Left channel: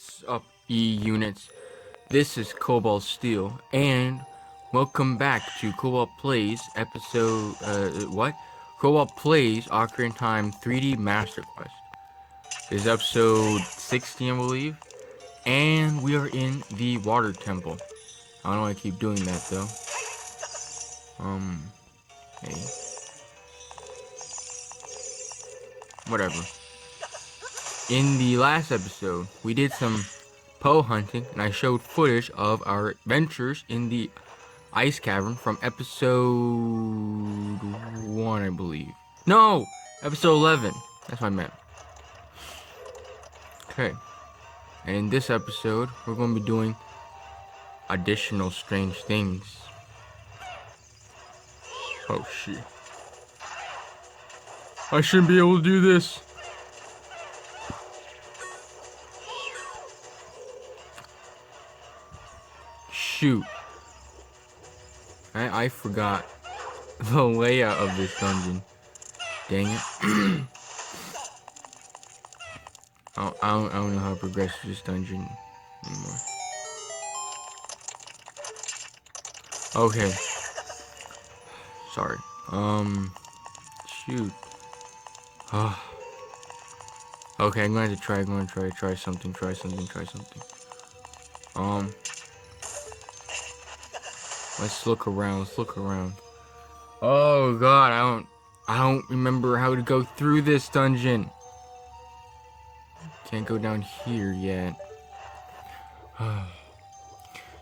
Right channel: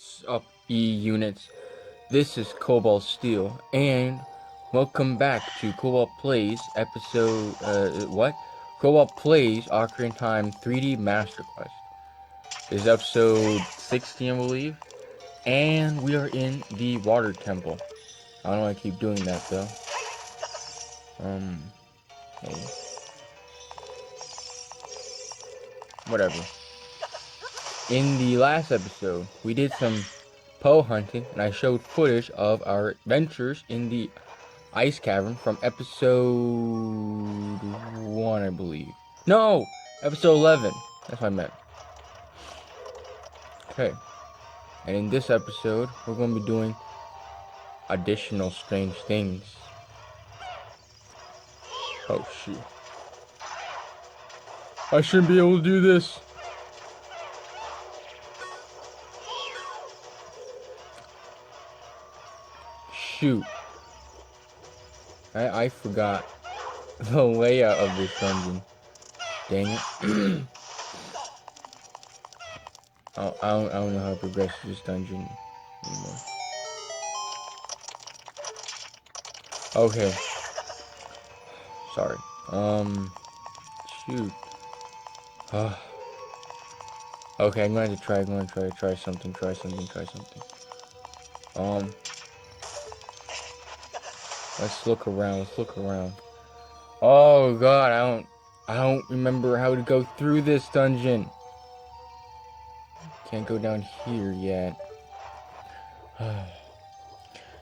What's up, E-Units? This is Kobalt Steel, and welcome back to Kobalt Plays episode, Kobalt Plays Ocarina Time 3D Master Quest. This is episode 16, I believe, and we are in the Water Temple. I don't know why I keep doing that, though. Hey. Whatever. In the last episode, we did some Poe hunting, and I showed footage of our adventures in the ice cavern from episode 1, I believe. No! Episode 11. That's what I meant. Okay. And in this episode, we're going to be doing additional strange things. Oh, shit. I shouldn't be able to do this. Shoot. I forgot the layout of this dungeon. Dang it. I don't know how to progress this dungeon anymore. Okay. Sorry. Shoot. Okay, I'm going to try something. Let's look around. Oh god, I don't remember how to go through this dungeon. Can't go down here yet.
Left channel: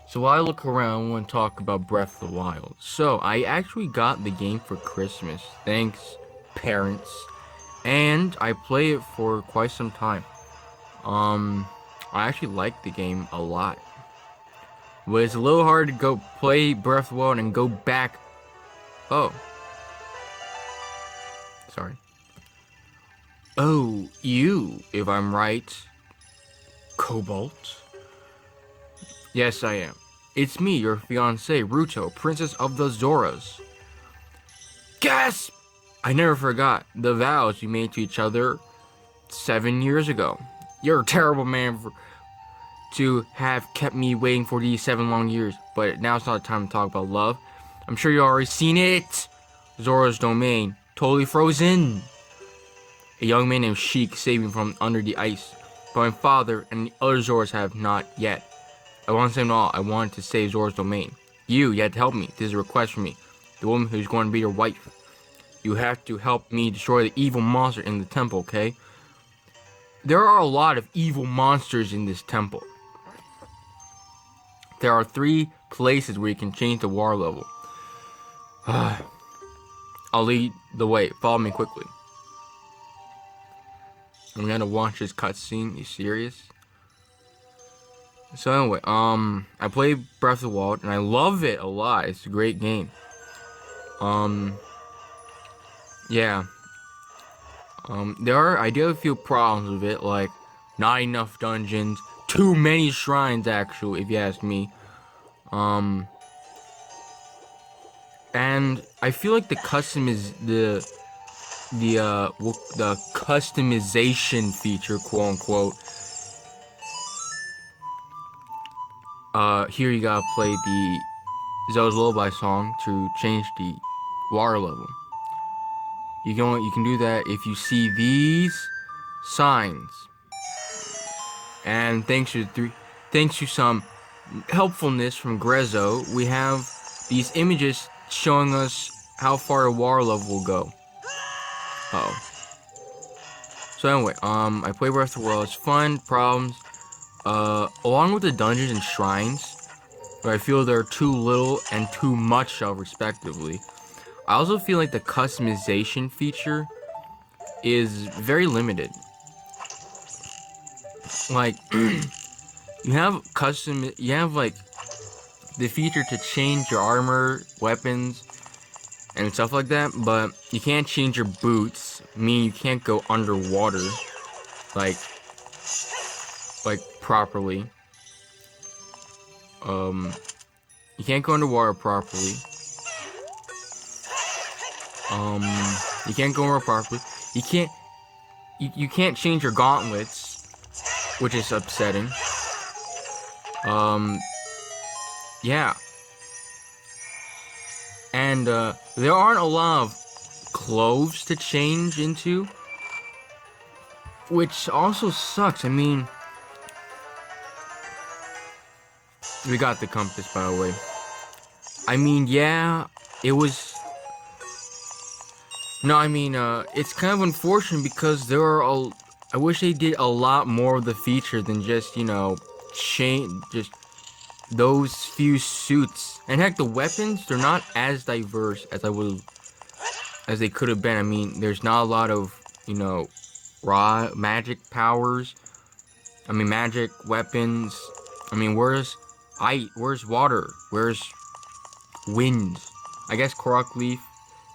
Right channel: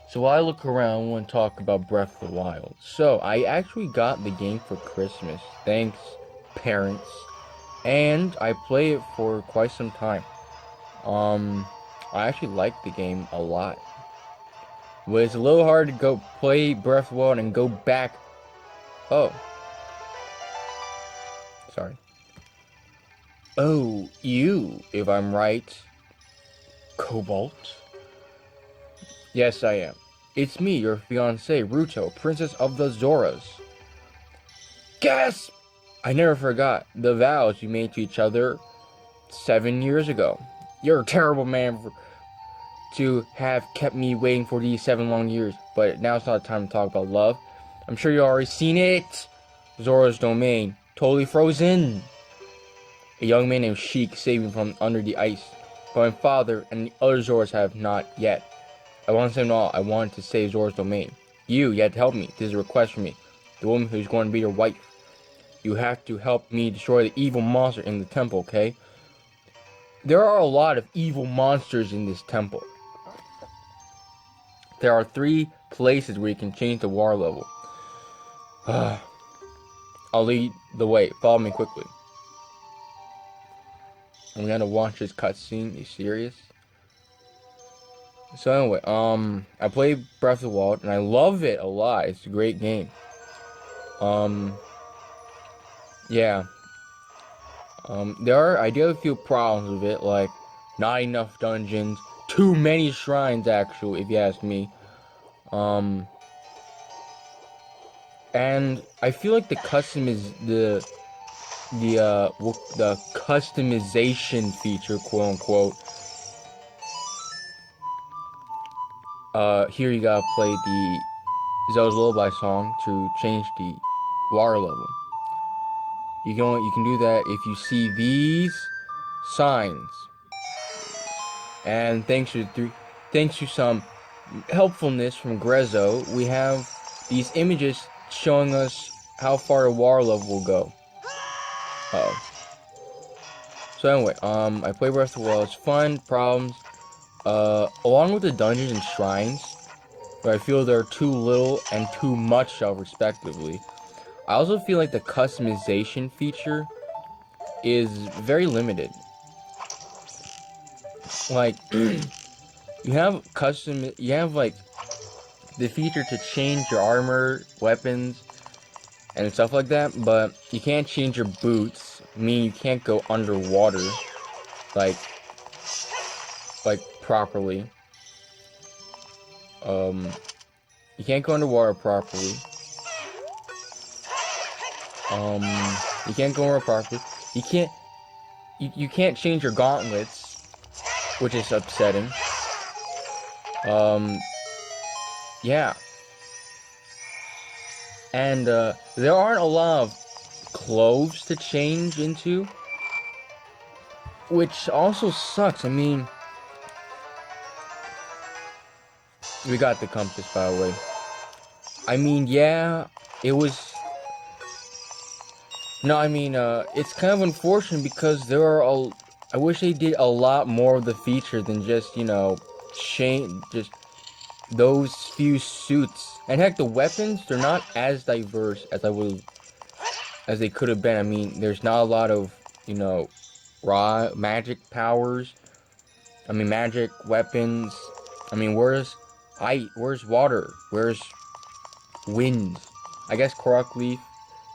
So while I look around, I want to talk about Breath of the Wild. So I actually got the game for Christmas. Thanks, parents. And I play it for quite some time. I actually like the game a lot. But it's a little hard to go play Breath of the Wild and go back. Oh. Sorry. Oh, you, if I'm right. Kobalt? Yes, I am. It's me, your fiancée, Ruto, Princess of the Zoras. Gasp! I never forgot the vows we made to each other 7 years ago. You're a terrible man to have kept me waiting for these 7 long years, but now's not the time to talk about love. I'm sure you already seen it. Zora's domain, totally frozen. A young man named Sheik saved me from under the ice, but my father and the other Zoras have not yet. I want to say all. I wanted to save Zora's domain. You had to help me. This is a request from me, the woman who's going to be your wife. You have to help me destroy the evil monster in the temple, okay? There are a lot of evil monsters in this temple. There are 3 places where you can change the water level. I'll lead the way. Follow me quickly. I'm gonna watch this cutscene. You serious? So anyway, I played Breath of the Wild and I love it a lot. It's a great game. Yeah. I do have a few problems with it, like not enough dungeons, too many shrines actually, if you ask me. And I feel like the customization feature, quote unquote. Here you gotta play the Zelda's Lullaby song to change the water level. You can do that if you see these signs. And thanks to some helpfulness from Grezzo, we have these images showing us how far a water level will go. So anyway, I play Breath of the Wild. It's fun. Problems, along with the dungeons and shrines, where I feel there are too little and too much of, respectively. I also feel like the customization feature is very limited. Like, you have like the feature to change your armor, weapons, and stuff like that, but you can't change your boots, meaning you can't go underwater, like properly. You can't go underwater properly. You can't go underwater properly. You can't change your gauntlets, which is upsetting. Yeah. And there aren't a lot of clothes to change into, which also sucks. I mean, we got the compass, by the way. I mean, yeah, it was. No, I mean, it's kind of unfortunate because there are a. I wish they did a lot more of the feature than just, you know, just those few suits. And heck, the weapons, they're not as diverse as they could have been. I mean, there's not a lot of, you know, raw magic powers. I mean, magic weapons. I mean, where's water? Where's wind? I guess Korok Leaf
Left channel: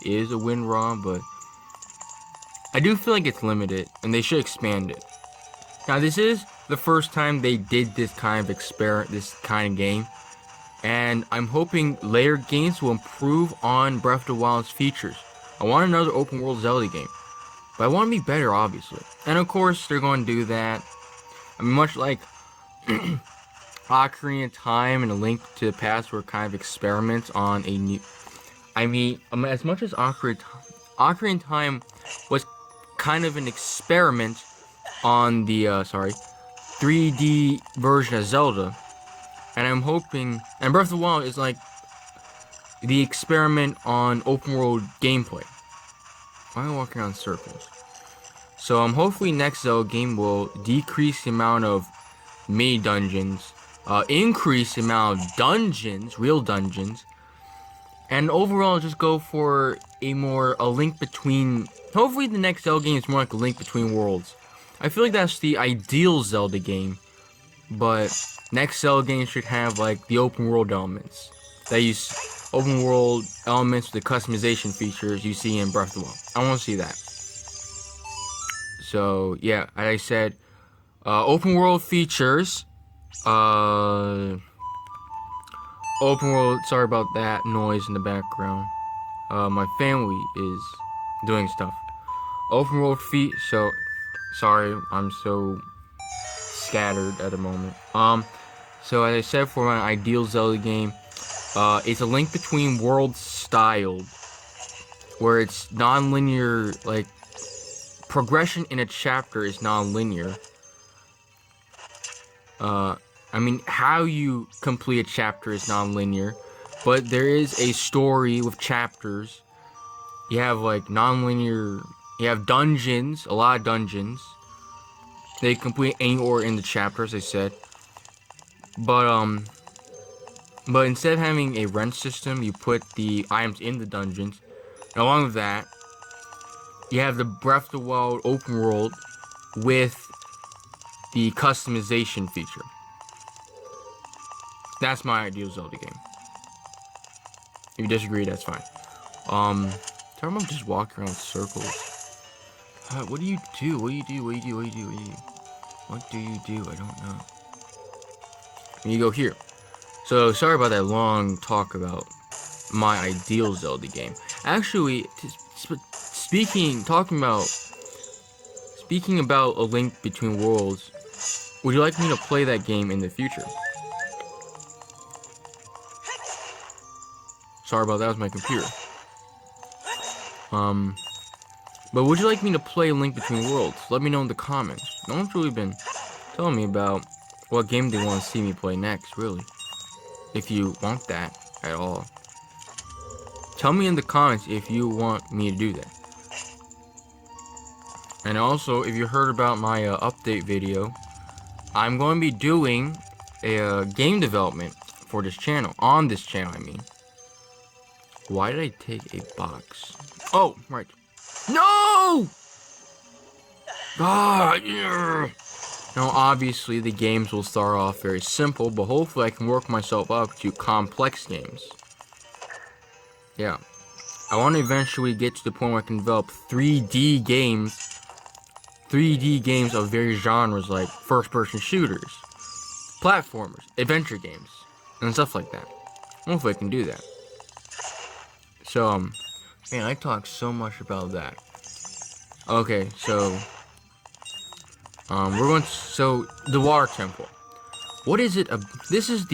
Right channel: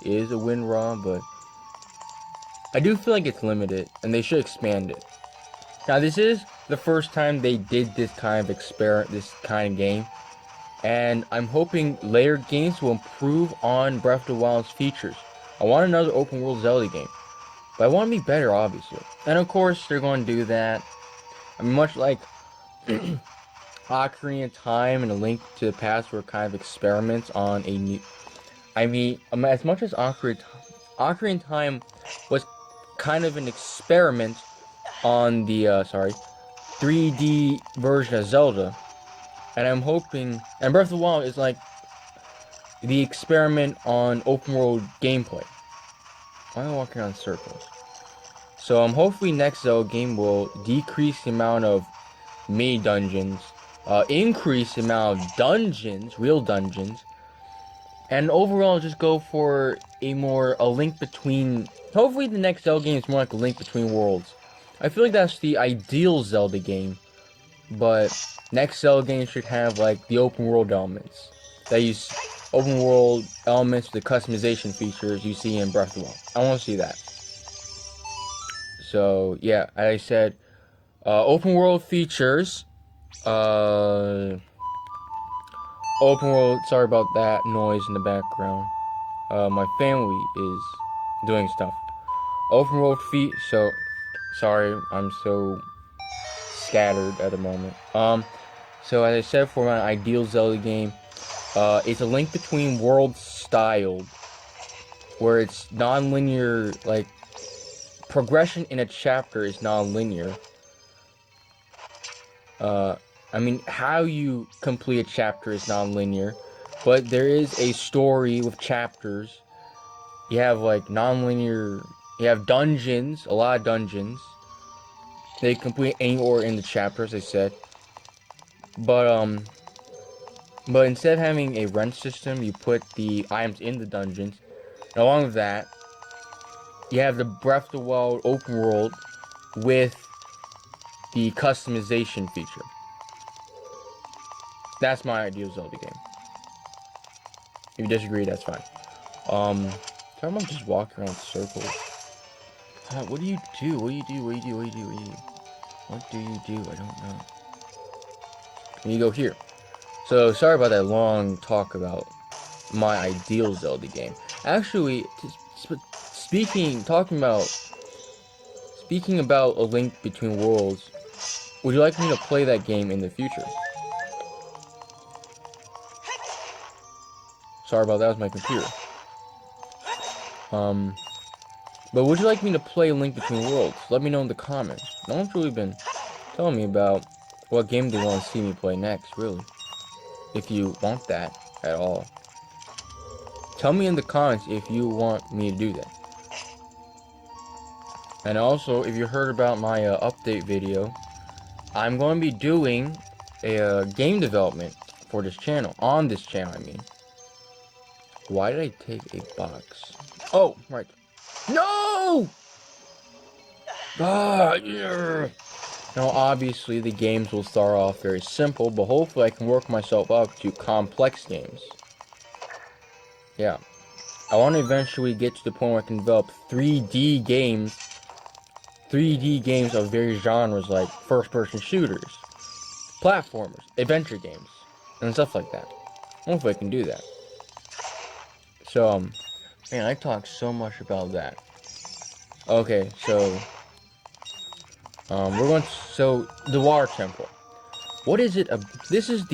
is a wind raw, but I do feel like it's limited, and they should expand it. Now, this is the first time they did this kind of game, and I'm hoping later games will improve on Breath of the Wild's features. I want another open world Zelda game, but I want to be better, obviously. And of course, they're going to do that. I mean, much like Ocarina of Time and A Link to the Past were kind of experiments on a new. I mean, as much as Ocarina of Time was kind of an experiment on the 3D version of Zelda, and I'm hoping, and Breath of the Wild is like the experiment on open world gameplay. Why am I walking around in circles? So hopefully next Zelda game will decrease the amount of mini dungeons, increase the amount of dungeons, real dungeons, and overall just go for a link between. Hopefully the next Zelda game is more like a link between worlds. I feel like that's the ideal Zelda game, but next Zelda game should have like the open world elements. That use open world elements with the customization features you see in Breath of the Wild. I want to see that. So yeah, as I said, open world features. Open world. Sorry about that noise in the background. My family is doing stuff. Open world feet. So sorry, I'm so scattered at the moment. So as I said, for my ideal Zelda game, it's a link between worlds styled, where it's non-linear, like progression in a chapter is non-linear. I mean, how you complete a chapter is non-linear, but there is a story with chapters. You have like non-linear. You have dungeons, a lot of dungeons. They complete anywhere in the chapter, as I said. But instead of having a rent system, you put the items in the dungeons. And along with that, you have the Breath of the Wild open world with the customization feature. That's my ideal Zelda game. If you disagree, that's fine. Sorry, I'm just walking around in circles. What do you do? What do you do? What do you do? What do you do? What do you do? What do you do? I don't know. And you go here. So, sorry about that long talk about my ideal Zelda game. Actually, speaking about A Link Between Worlds, would you like me to play that game in the future? Sorry about that, was my computer. But would you like me to play A Link Between Worlds? Let me know in the comments. No one's really been telling me about what game they want to see me play next, really. If you want that at all. Tell me in the comments if you want me to do that. And also, if you heard about my update video, I'm going to be doing a game development for this channel. On this channel, I mean. Why did I take a box? Oh, right. No! Ah, yeah. Now, obviously, the games will start off very simple, but hopefully I can work myself up to complex games. Yeah. I want to eventually get to the point where I can develop 3D games. 3D games of various genres like first-person shooters, platformers, adventure games, and stuff like that. Hopefully I can do that. So, man, I talk so much about that. Okay, so, we're going to, so, the water temple. What is it? This is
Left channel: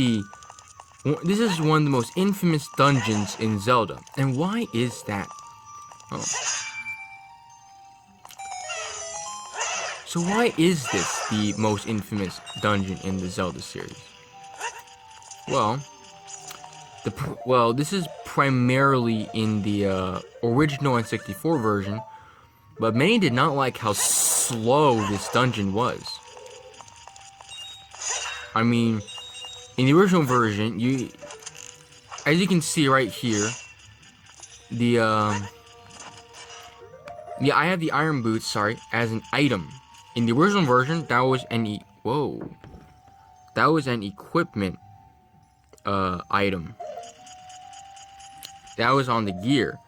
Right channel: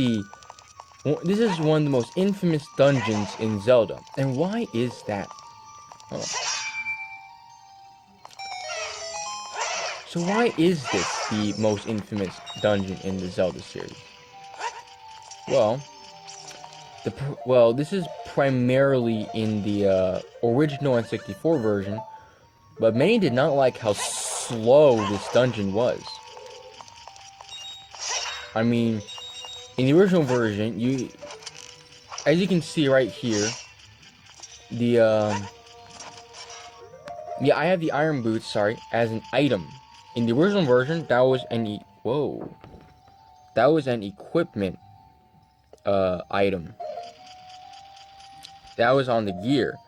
one of the most infamous dungeons in Zelda. And why is that? Oh. So why is this the most infamous dungeon in the Zelda series? Well, this is primarily in the original N64 version, but many did not like how slow this dungeon was. I mean, in the original version, as you can see right here, I have the iron boots, sorry, as an item. In the original version, that was an equipment item. That was on the gear.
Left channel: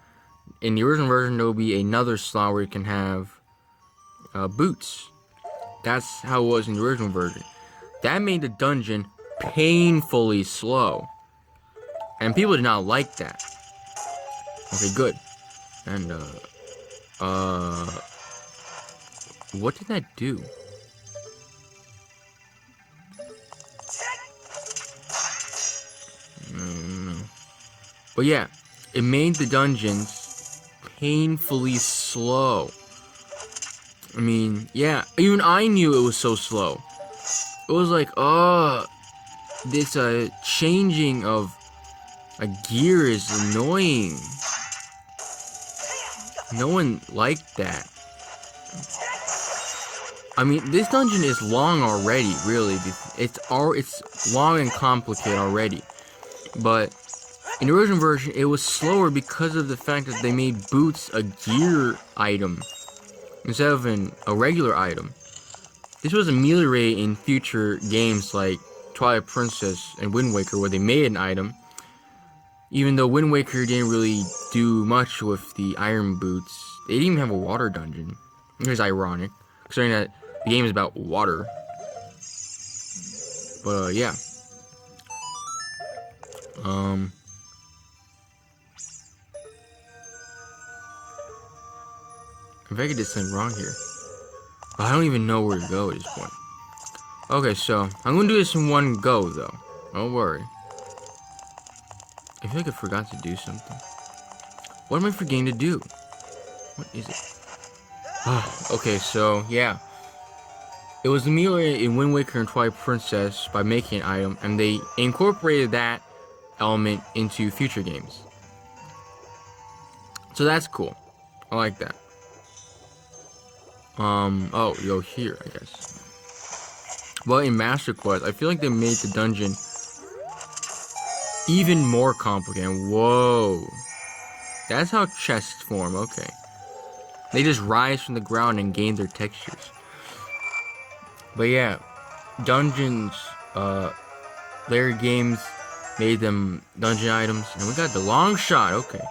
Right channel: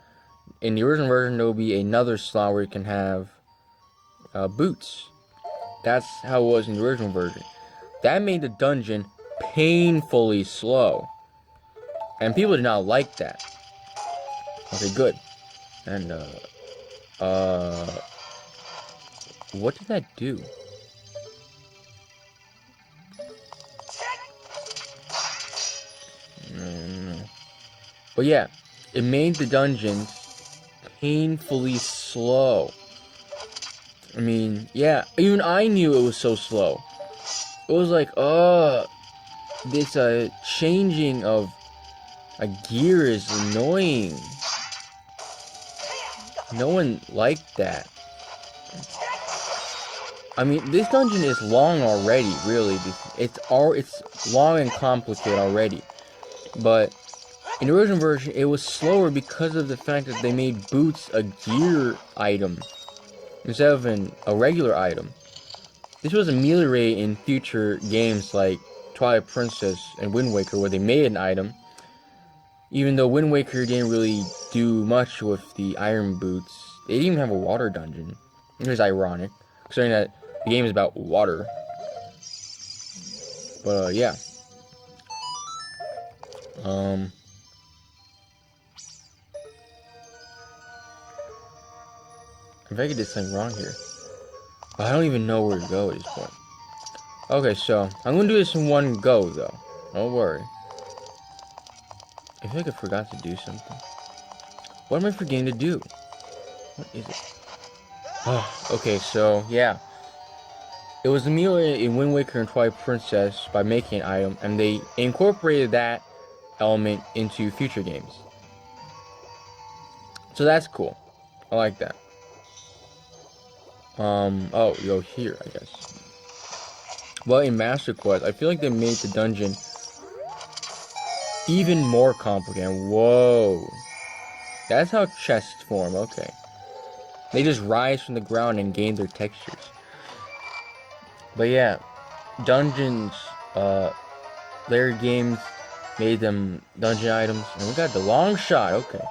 In the original version, there will be another slot where you can have boots. That's how it was in the original version. That made the dungeon painfully slow. And people did not like that. Okay, good. And, what did that do? But yeah, it made the dungeons painfully slow. I mean, yeah, even I knew it was so slow. It was like, this changing of a gear is annoying. No one liked that. I mean, this dungeon is long already, really. It's long and complicated already. But in the original version, it was slower because of the fact that they made boots a gear item instead of a regular item. This was ameliorated in future games like Twilight Princess and Wind Waker, where they made an item. Even though Wind Waker didn't really do much with the iron boots, they didn't even have a water dungeon. It was ironic, considering that the game is about water. But yeah. If I get this thing wrong here. I don't even know where to go at this point. Okay, so I'm gonna do this in one go though. Don't worry. I feel like I forgot to do something. What am I forgetting to do? What is it? Oh, okay, so yeah. It was ameliorated in Wind Waker and Twilight Princess by making an item, and they incorporated that element into future games. So that's cool. I like that. Oh, you go here, I guess. Well, in Master Quest, I feel like they made the dungeon even more complicated. Whoa. That's how chests form, okay. They just rise from the ground and gain their textures. But yeah, dungeons, later games made them dungeon items. And we got the long shot, okay.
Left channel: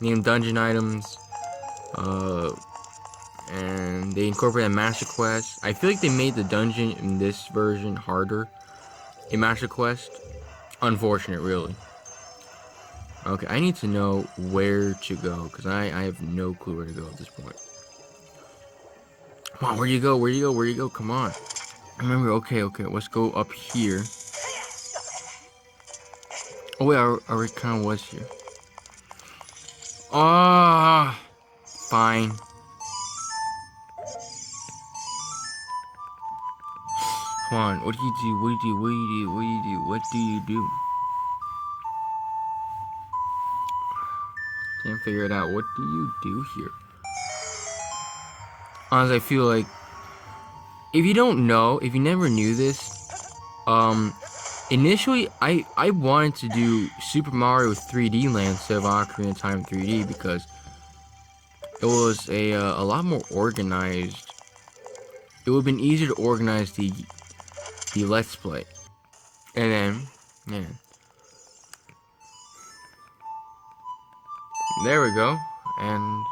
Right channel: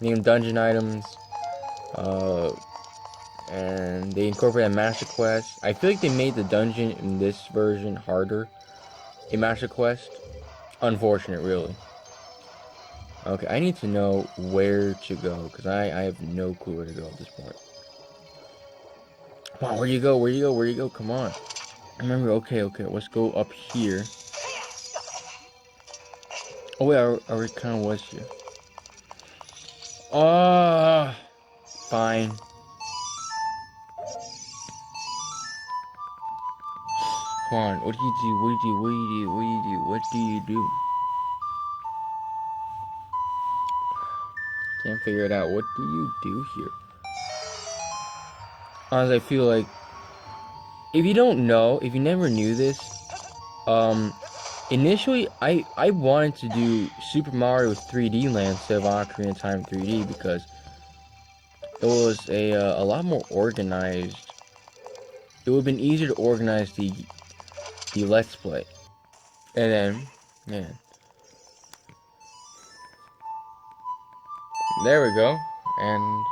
Name them dungeon items. And they incorporated Master Quest. I feel like they made the dungeon in this version harder in Master Quest. Unfortunate, really. Okay, I need to know where to go, because I have no clue where to go at this point. Come on, where you go? Where you go? Where you go? Come on. Remember, okay, let's go up here. Oh wait, I already kind of was here. Ah, fine. Come on, what do you do? What do you do? What do you do? What do you do? What do you do? Can't figure it out. What do you do here? Honestly, I feel like if you don't know, if you never knew this, initially I wanted to do Super Mario 3D Land instead of Ocarina of Time 3D because it was a lot more organized. It would have been easier to organize the Let's Play. And then, yeah. There we go. And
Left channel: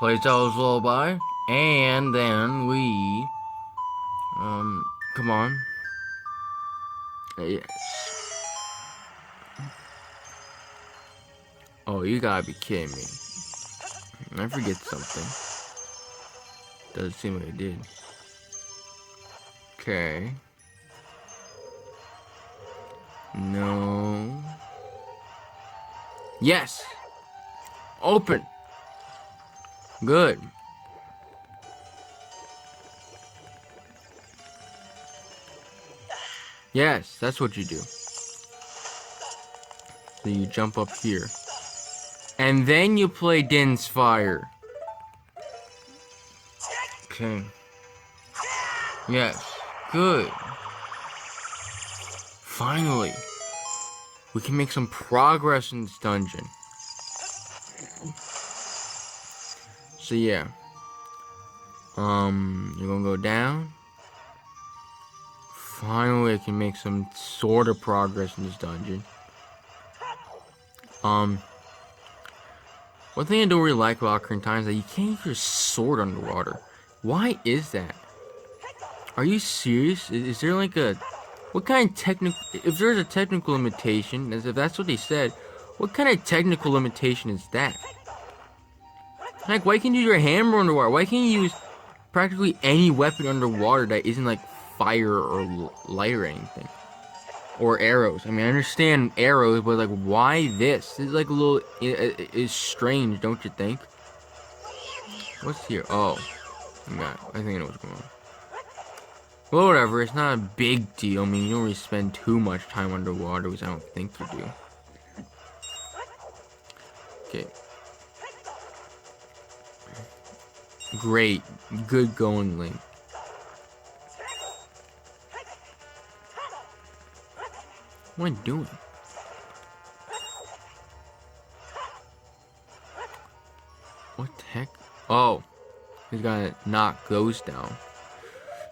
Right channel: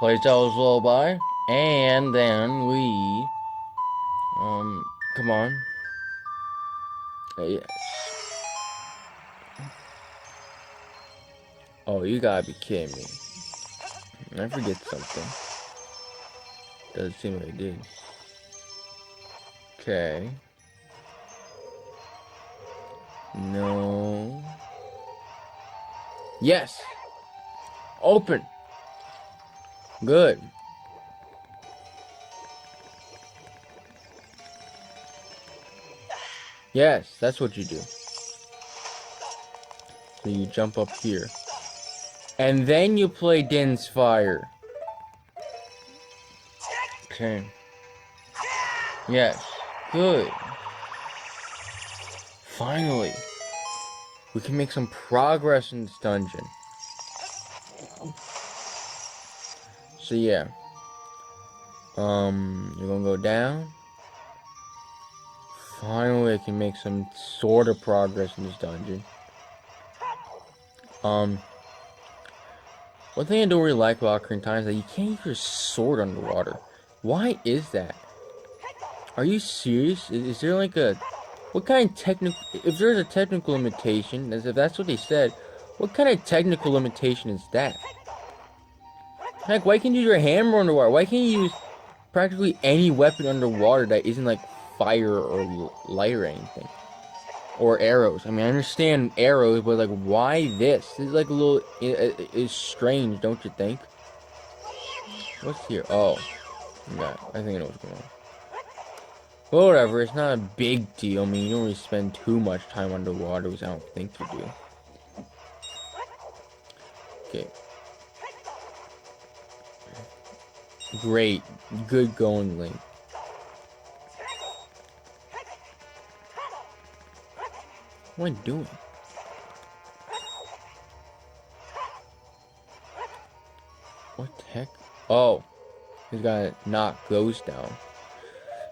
play Charles Lullaby. And then we, come on. Yes. Oh, you gotta be kidding me. I forget something. Doesn't seem like I did. Okay. No. Yes. Open. Good. Yes, that's what you do. So you jump up here. And then you play Din's Fire. Okay. Yes. Good. Finally. We can make some progress in this dungeon. So yeah. You're gonna go down. Finally, I can make some sort of progress in this dungeon. One thing I don't really like about Ocarina is that you can't use your sword underwater. Why is that? Are you serious? Is there like a... What kind of technical... If there's a technical limitation, as if that's what they said, what kind of technical limitation is that? Heck, why can't you use your hammer underwater? Why can't you use practically any weapon underwater that isn't like fire or light or anything? Or arrows. I mean, I understand arrows, but like, why this? This is like a little... It's strange, don't you think? What's here? Oh. Yeah, I think I know what's going on. Well, whatever, it's not a big deal. I mean, you don't really spend too much time underwater, which I don't think you do. Okay. Great. Good going, Link. What am I doing? What the heck? Oh. He's gotta knock those down.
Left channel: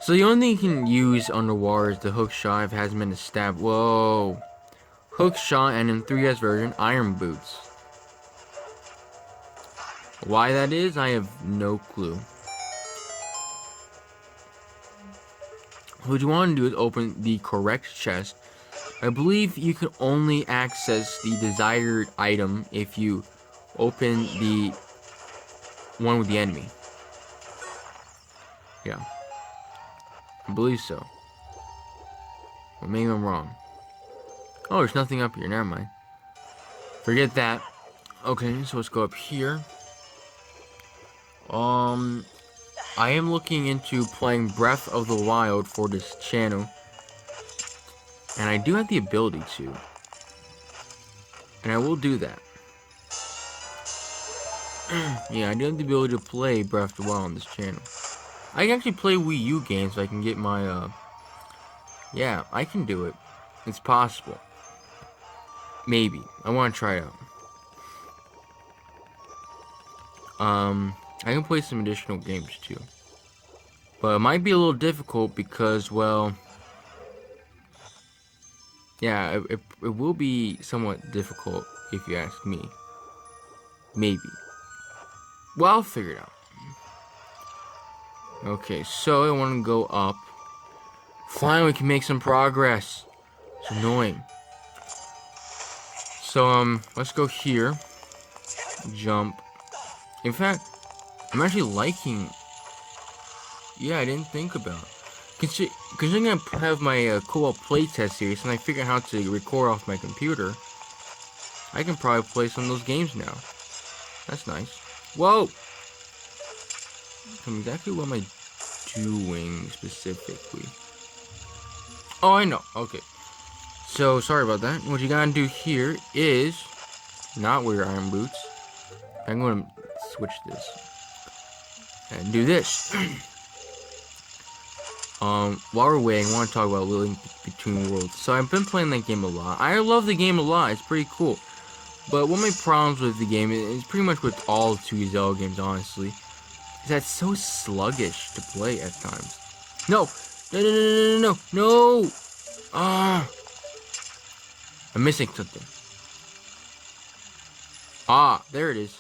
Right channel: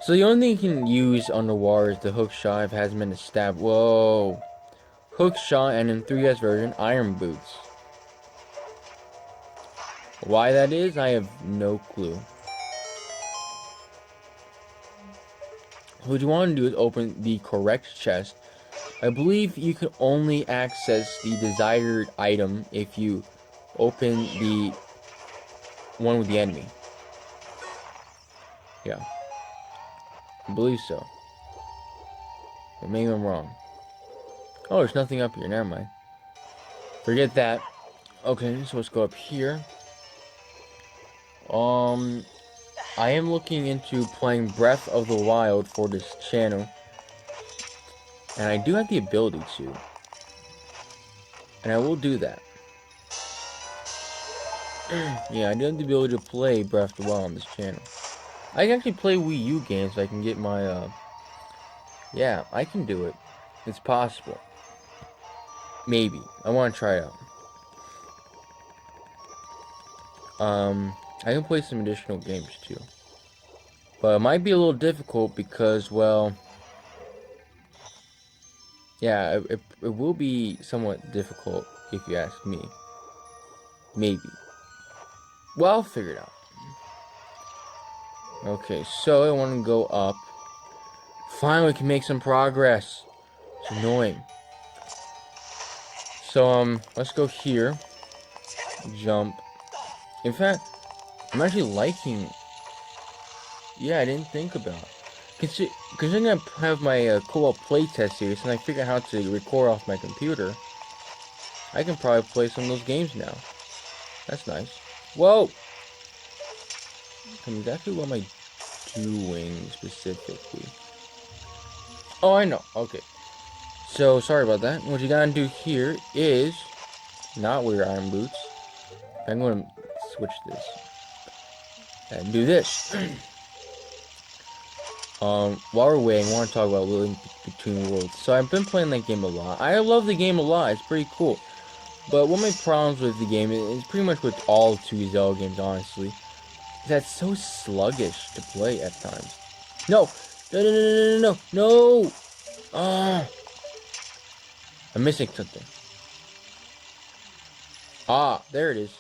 So the only thing you can use underwater is the hook shot if it hasn't been established. Whoa. Hook shot and in 3DS version, iron boots. Why that is, I have no clue. What you want to do is open the correct chest. I believe you can only access the desired item if you open the one with the enemy. Yeah. I believe so. But maybe I'm wrong. Oh, there's nothing up here. Never mind. Forget that. Okay, so let's go up here. I am looking into playing Breath of the Wild for this channel. And I do have the ability to. And I will do that. Yeah, I do have the ability to play Breath of the Wild on this channel. I can actually play Wii U games so I can get my, yeah, I can do it. It's possible. Maybe. I want to try it out. I can play some additional games too. But it might be a little difficult because, well... Yeah, it will be somewhat difficult if you ask me. Maybe. Well, I'll figure it out. Okay, so I want to go up. Finally, we can make some progress. It's annoying. So, let's go here. Jump. In fact, I'm actually liking... Yeah, I didn't think about it. Considering I have my Kobalt playtest series, and I figure out how to record off my computer, I can probably play some of those games now. That's nice. Whoa! Exactly what am I doing specifically? Oh, I know. Okay. So, sorry about that. What you gotta do here is not wear your iron boots. I'm gonna switch this and do this. While we're waiting, I want to talk about Link Between Worlds. So I've been playing that game a lot. I love the game a lot. It's pretty cool. But one of my problems with the game is pretty much with all 2 Zelda games, honestly, is that it's so sluggish to play at times. No! No! Ah! I'm missing something. Ah, there it is.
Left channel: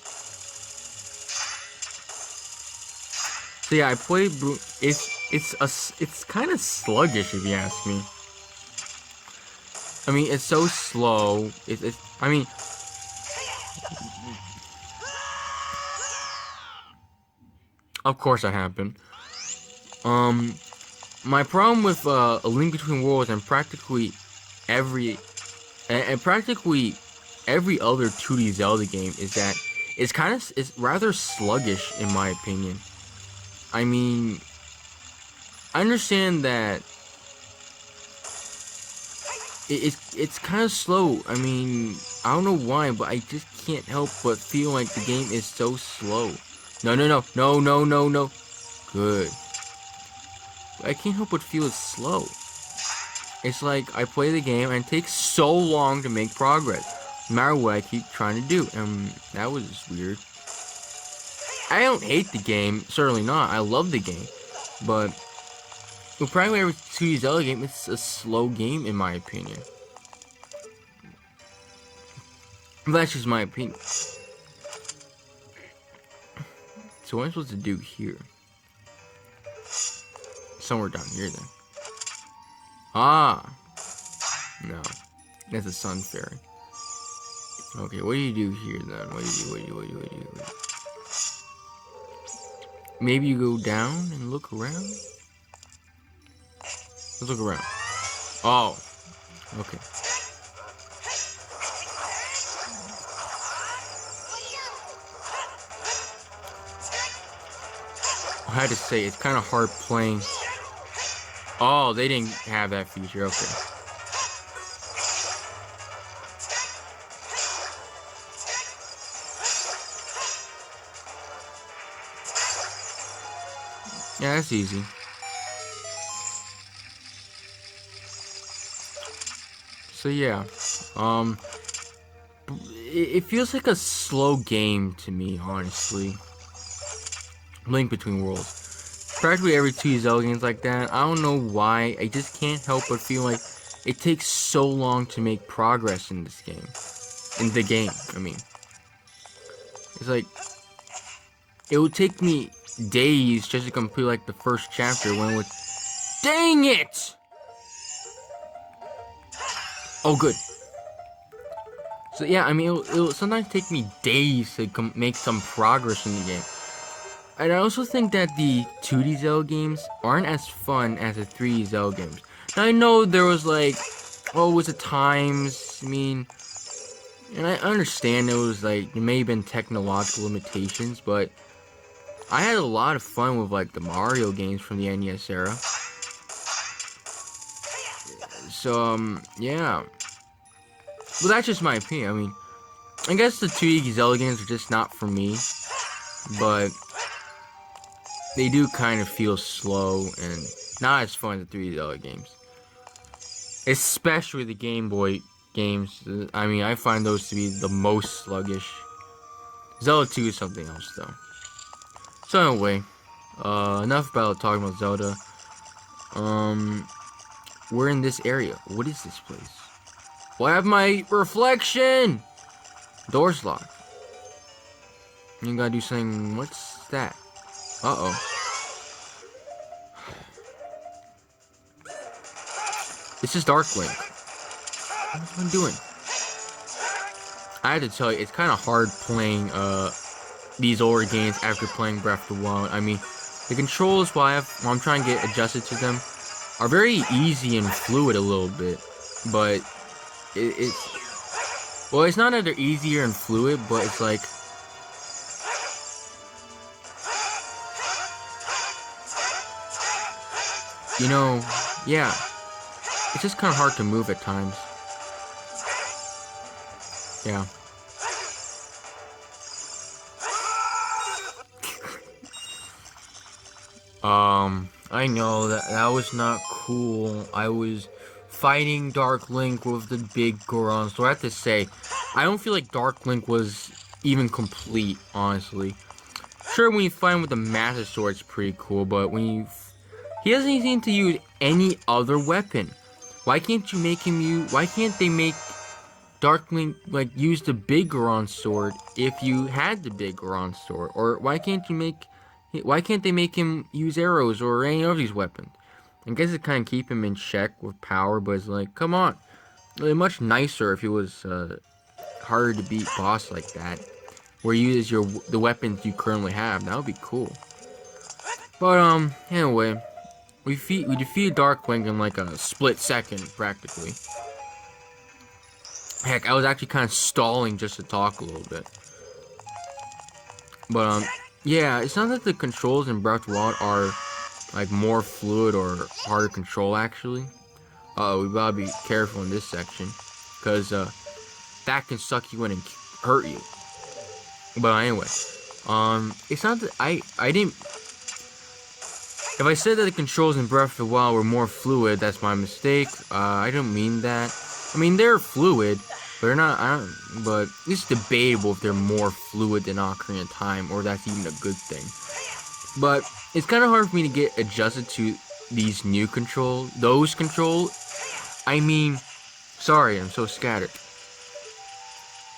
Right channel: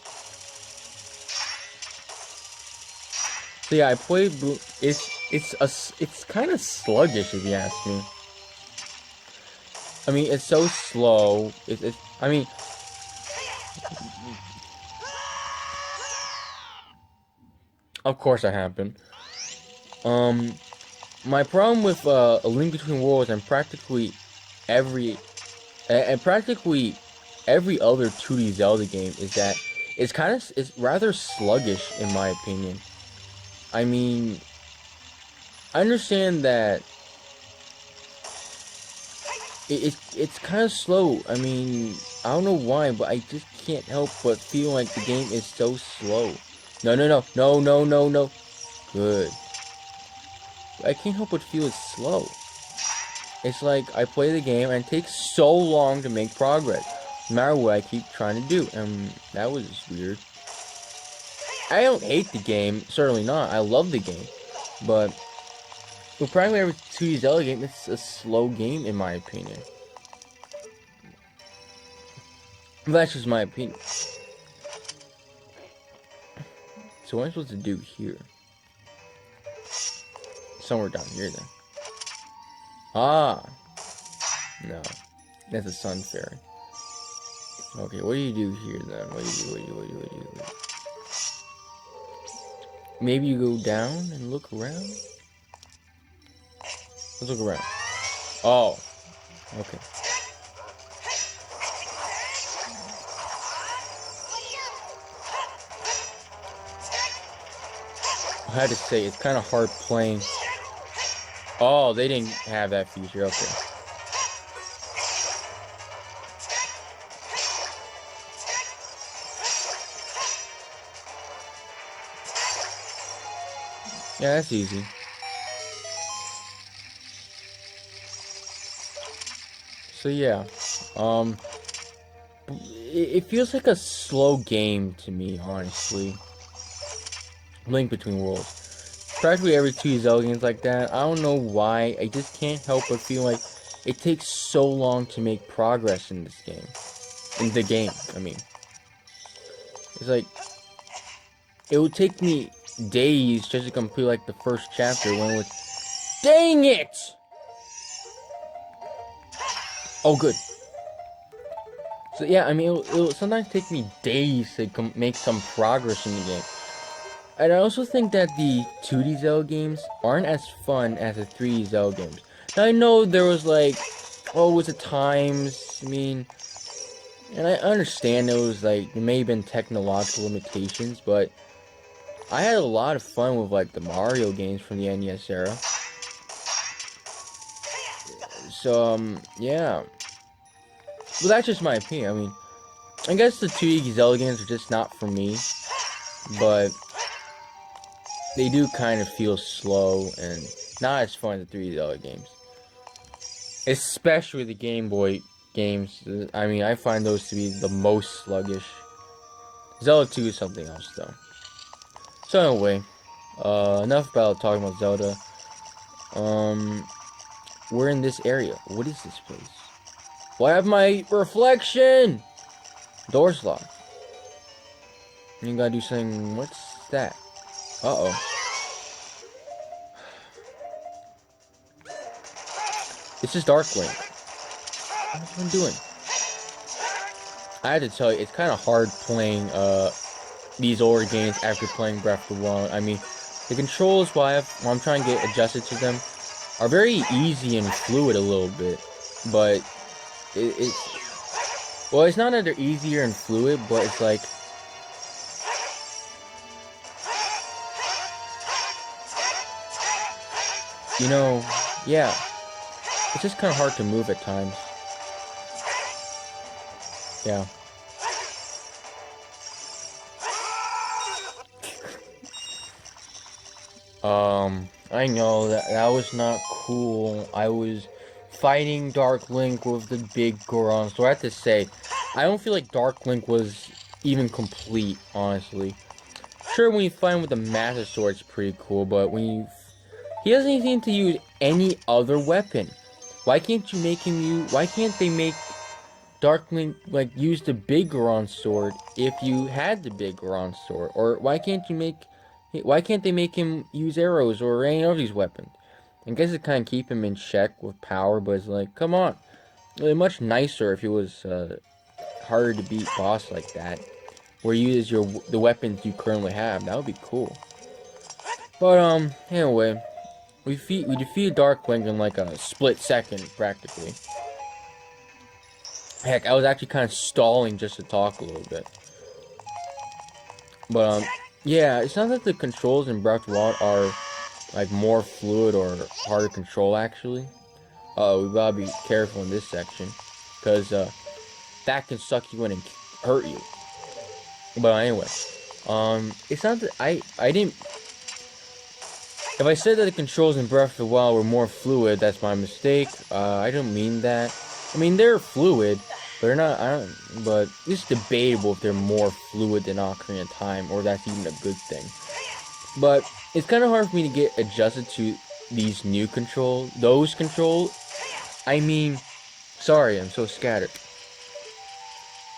So yeah, I played. It's kind of sluggish if you ask me. I mean, it's so slow. I mean, of course that happened. My problem with A Link Between Worlds and practically every And practically every other 2D Zelda game is that it's rather sluggish in my opinion. I mean, I understand that it's kind of slow. I mean, I don't know why, but I just can't help but feel like the game is so slow. No, no, no, no, no, no, no. Good. I can't help but feel it's slow. It's like I play the game and it takes so long to make progress, no matter what I keep trying to do. And that was weird. I don't hate the game, certainly not. I love the game, but with practically every 2D Zelda game, it's a slow game in my opinion. But that's just my opinion. So what am I supposed to do here? Somewhere down here then. Ah! No. That's a sun fairy. Okay, what do you do here then? What do you do? Maybe you go down and look around? Let's look around. Oh. Okay. I had to say, it's kind of hard playing. Oh, they didn't have that feature. Okay. Yeah, that's easy. So yeah, it feels like a slow game to me, honestly. Link Between Worlds. Practically every 2 Zelda games like that. I don't know why. I just can't help but feel like it takes so long to make progress in this game. In the game, I mean. It's like, it would take me days just to complete like the first chapter when it would... Dang it! Oh, good. So yeah, I mean, it'll sometimes take me days to make some progress in the game. And I also think that the 2D Zelda games aren't as fun as the 3D Zelda games. Now, I know there was like, oh, was it times? I mean, and I understand there was like, there may have been technological limitations, but I had a lot of fun with like the Mario games from the NES era. So, yeah. Well, that's just my opinion. I mean, I guess the 2D Zelda games are just not for me, but they do kind of feel slow and not as fun as the 3D Zelda games. Especially the Game Boy games. I mean, I find those to be the most sluggish. Zelda 2 is something else, though. So anyway, enough about talking about Zelda. We're in this area. What is this place? Well, I have my reflection! Door's locked. You gotta do something. What's that? Uh-oh. This is Darkwing. What am I doing? I had to tell you, it's kind of hard playing these older games after playing Breath of the Wild. I mean, the controls while I'm trying to get adjusted to them are very easy and fluid a little bit, but well, it's not that they're easier and fluid, but it's like, you know, yeah, it's just kind of hard to move at times. Yeah. I know that was not cool. I was fighting Dark Link with the big Goron. So I have to say, I don't feel like Dark Link was even complete, honestly. Sure, when you fight him with the Master Sword, it's pretty cool, but when you... He doesn't even seem to use any other weapon. Why can't you make him use... Why can't they make Dark Link, like, use the big Goron sword if you had the big Goron sword? Or why can't you make... Why can't they make him use arrows or any of these weapons? I guess it kind of keep him in check with power, but it's like, come on. It'd be much nicer if he was harder to beat boss like that, where you use the weapons you currently have. That would be cool. But anyway, we defeated Dark Link in like a split second, practically. Heck, I was actually kind of stalling just to talk a little bit. But, yeah, it's not that the controls in Breath of the Wild are, like, more fluid or harder to control, actually. We gotta be careful in this section. Because, that can suck you in and hurt you. But anyway, it's not that I didn't. If I said that the controls in Breath of the Wild were more fluid, that's my mistake. I don't mean that. I mean they're fluid, but they're not. But it's debatable if they're more fluid than Ocarina of Time, or that's even a good thing. But it's kind of hard for me to get adjusted to these new controls. Those controls. I mean, sorry, I'm so scattered.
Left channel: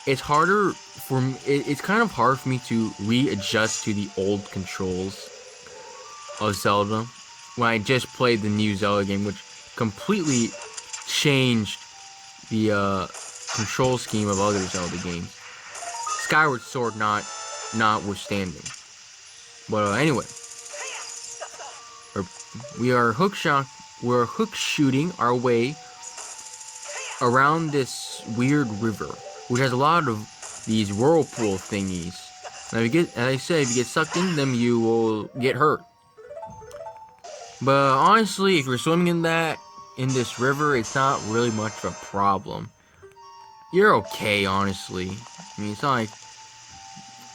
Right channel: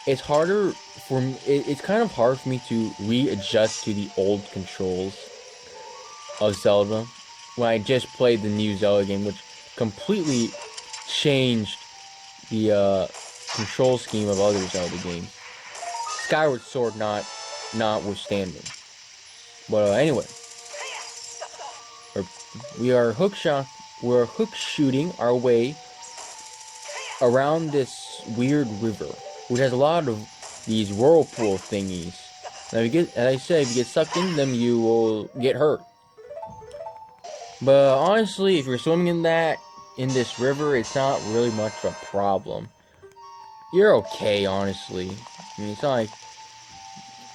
It's harder for me. It's kind of hard for me to readjust to the old controls of Zelda when I just played the new Zelda game, which completely changed the control scheme of other Zelda games. Skyward Sword notwithstanding. But anyway, we're hook shooting our way around this weird river, which has a lot of these whirlpool thingies. Now, as I said, if you get sucked into them, you will get hurt. But honestly, if you're swimming in this river, it's not really much of a problem. You're okay, honestly. I mean, it's not like,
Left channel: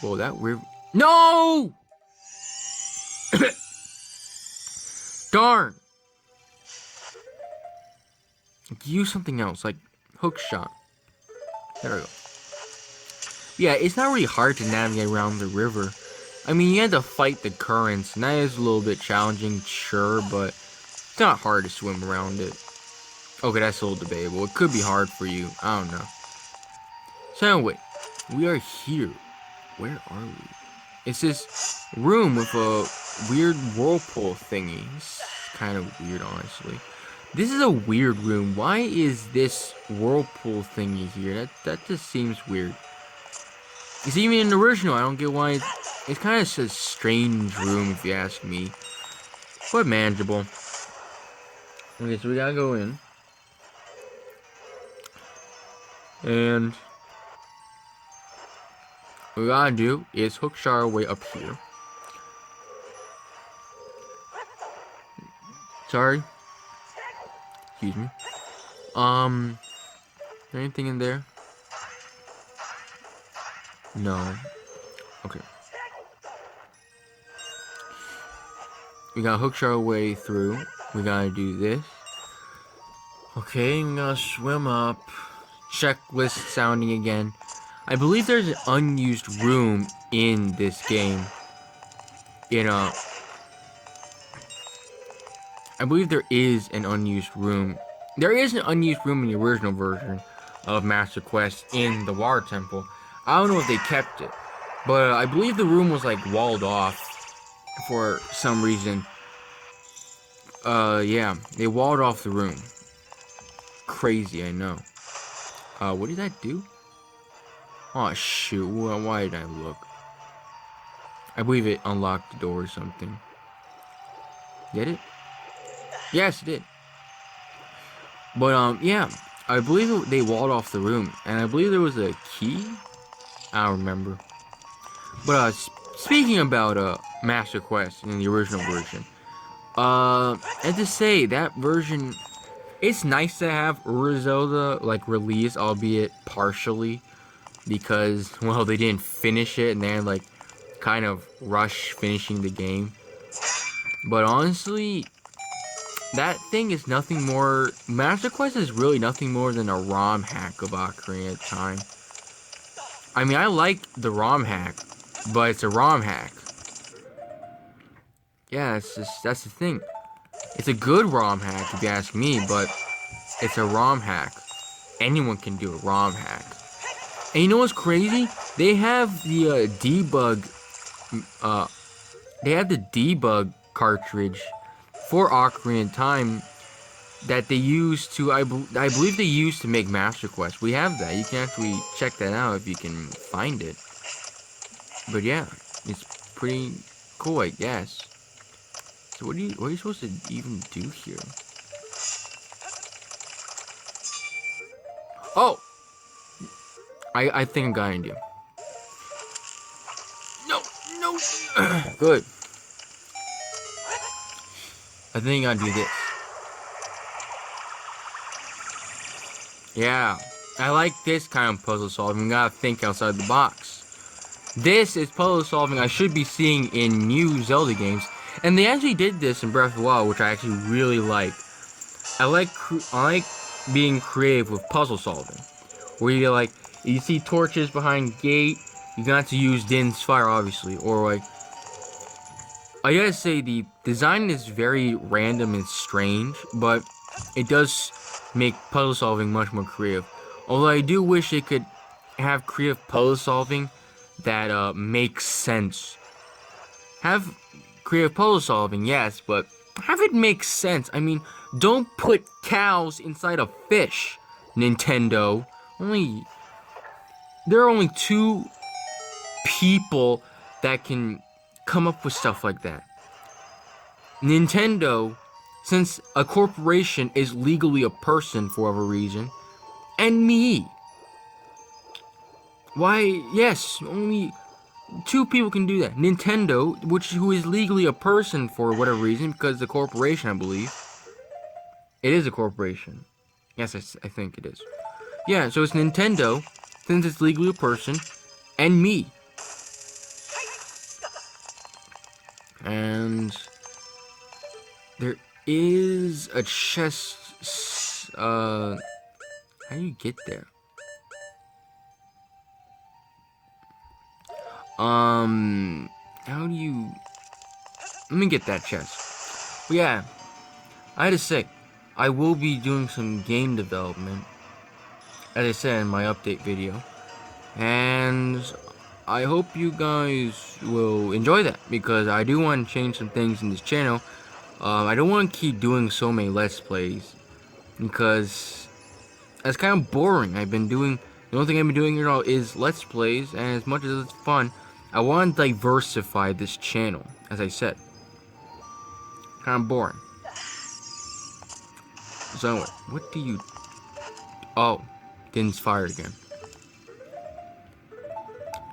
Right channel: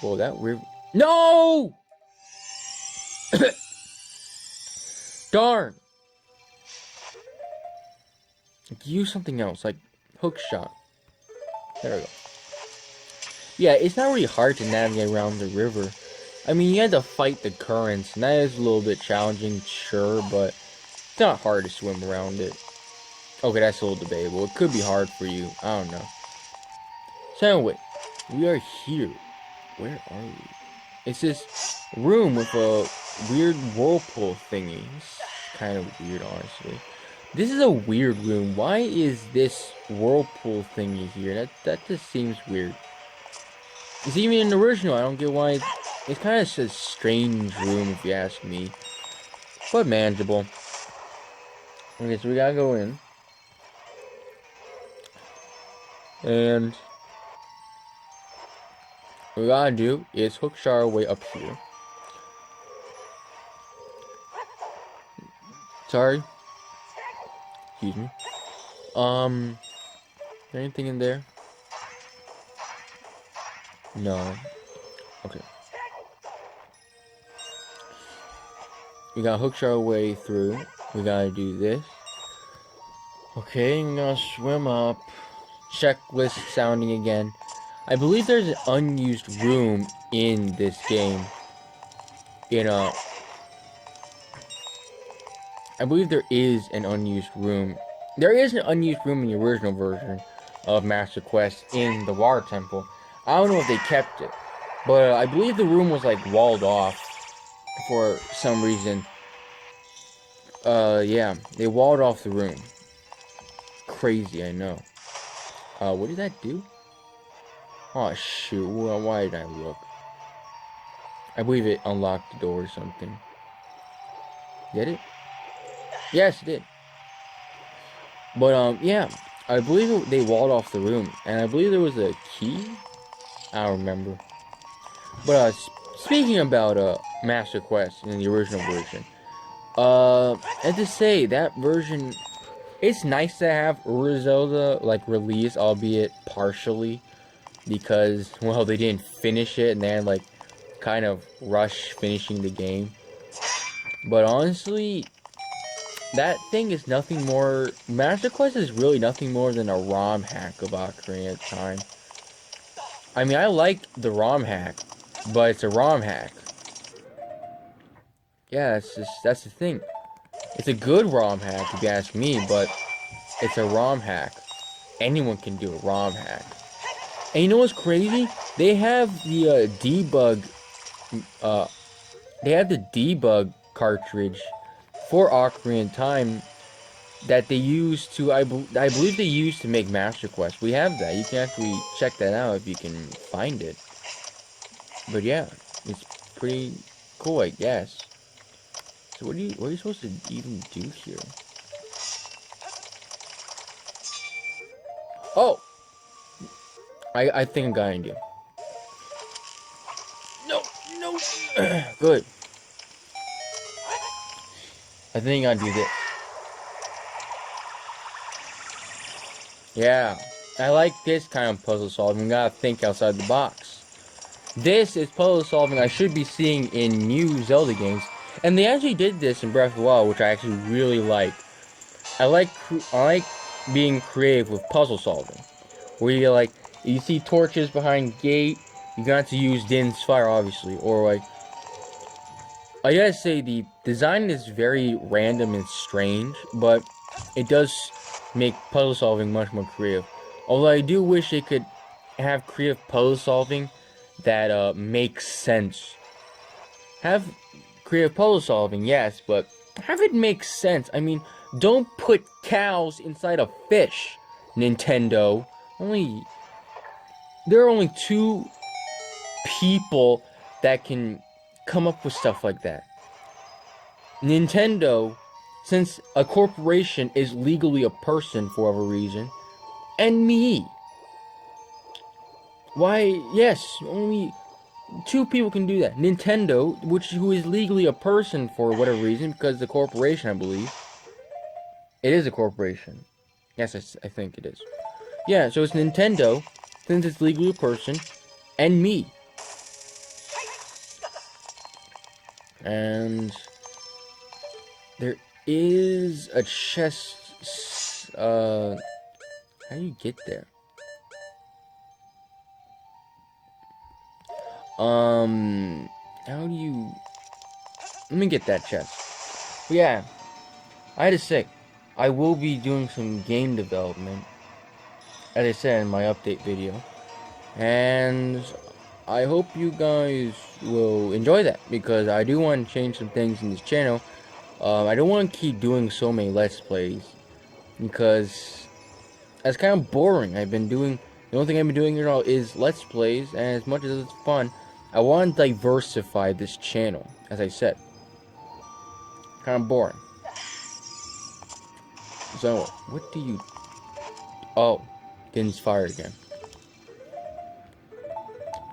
well, that river. No! Darn! Use something else, like hook shot. There we go. Yeah, it's not really hard to navigate around the river. I mean, you had to fight the currents, and that is a little bit challenging, sure, but it's not hard to swim around it. Okay, that's a little debatable. It could be hard for you. I don't know. So anyway, we are here. Where are we? It's this room with a weird whirlpool thingy. It's kind of weird, honestly. This is a weird room. Why is this whirlpool thingy here? That just seems weird. It's even in the original. I don't get why. It's kind of a strange room, if you ask me. But manageable. Okay, so we gotta go in. And what we gotta do is hook shot our way up here. Sorry. Excuse me. Anything in there? No. Okay. We gotta hook our way through. We gotta do this. Okay, we gotta swim up. Checklist sounding again. I believe there's an unused room in this game. I believe there is an unused room. There is an unused room in the original version of Master Quest in the Water Temple. I don't know if they kept it, but I believe the room was like walled off for some reason. Yeah, they walled off the room. Crazy, I know. What did that do? Oh shoot, why did I look? I believe it unlocked the door or something. Did it? Yes, it did. But, yeah. I believe they walled off the room. And I believe there was a key? I don't remember. But, speaking about, Master Quest in the original version. I have to say, that version... It's nice to have Zelda, like, released, albeit partially. Because, well, they didn't finish it. And they had, like, kind of rush finishing the game. But honestly... That thing is nothing more... Master Quest is really nothing more than a ROM hack of Ocarina of Time. I mean, I like the ROM hack, but it's a ROM hack. Yeah, that's the thing. It's a good ROM hack, if you ask me, but it's a ROM hack. Anyone can do a ROM hack. And you know what's crazy? They have the debug... they have the debug cartridge for Ocarina of Time that they use to, I believe they used to make Master Quest. We have that. You can actually check that out if you can find it. But yeah, it's pretty cool, I guess. So what are you supposed to even do here? Oh! I think I got an idea. No, no. Good. I think I'll do this. Yeah. I like this kind of puzzle solving. You gotta think outside the box. This is puzzle solving I should be seeing in new Zelda games. And they actually did this in Breath of the Wild, which I actually really like. I like being creative with puzzle solving. Where you see torches behind gate, you got to use Din's fire, obviously. Or like, I gotta say, the design is very random and strange, but it does make puzzle solving much more creative. Although I do wish it could have creative puzzle solving that makes sense. Have creative puzzle solving, yes, but have it make sense. I mean, don't put cows inside a fish, Nintendo. There are only 2 people that can come up with stuff like that. Nintendo, since a corporation is legally a person for whatever reason, and me. Why, yes, only 2 people can do that. Nintendo, who is legally a person for whatever reason, because the corporation, I believe. It is a corporation. Yes, I think it is. Yeah, so it's Nintendo, since it's legally a person, and me. And there is a chest. How do you get there? How do you? Let me get that chest. But yeah, I had to say, I will be doing some game development, as I said in my update video, and I hope you guys will enjoy that, because I do want to change some things in this channel. I don't want to keep doing so many Let's Plays, because that's kind of boring. The only thing I've been doing here now is Let's Plays, and as much as it's fun, I want to diversify this channel, as I said. Kind of boring. So anyway, what do you... Oh, Din's fire again.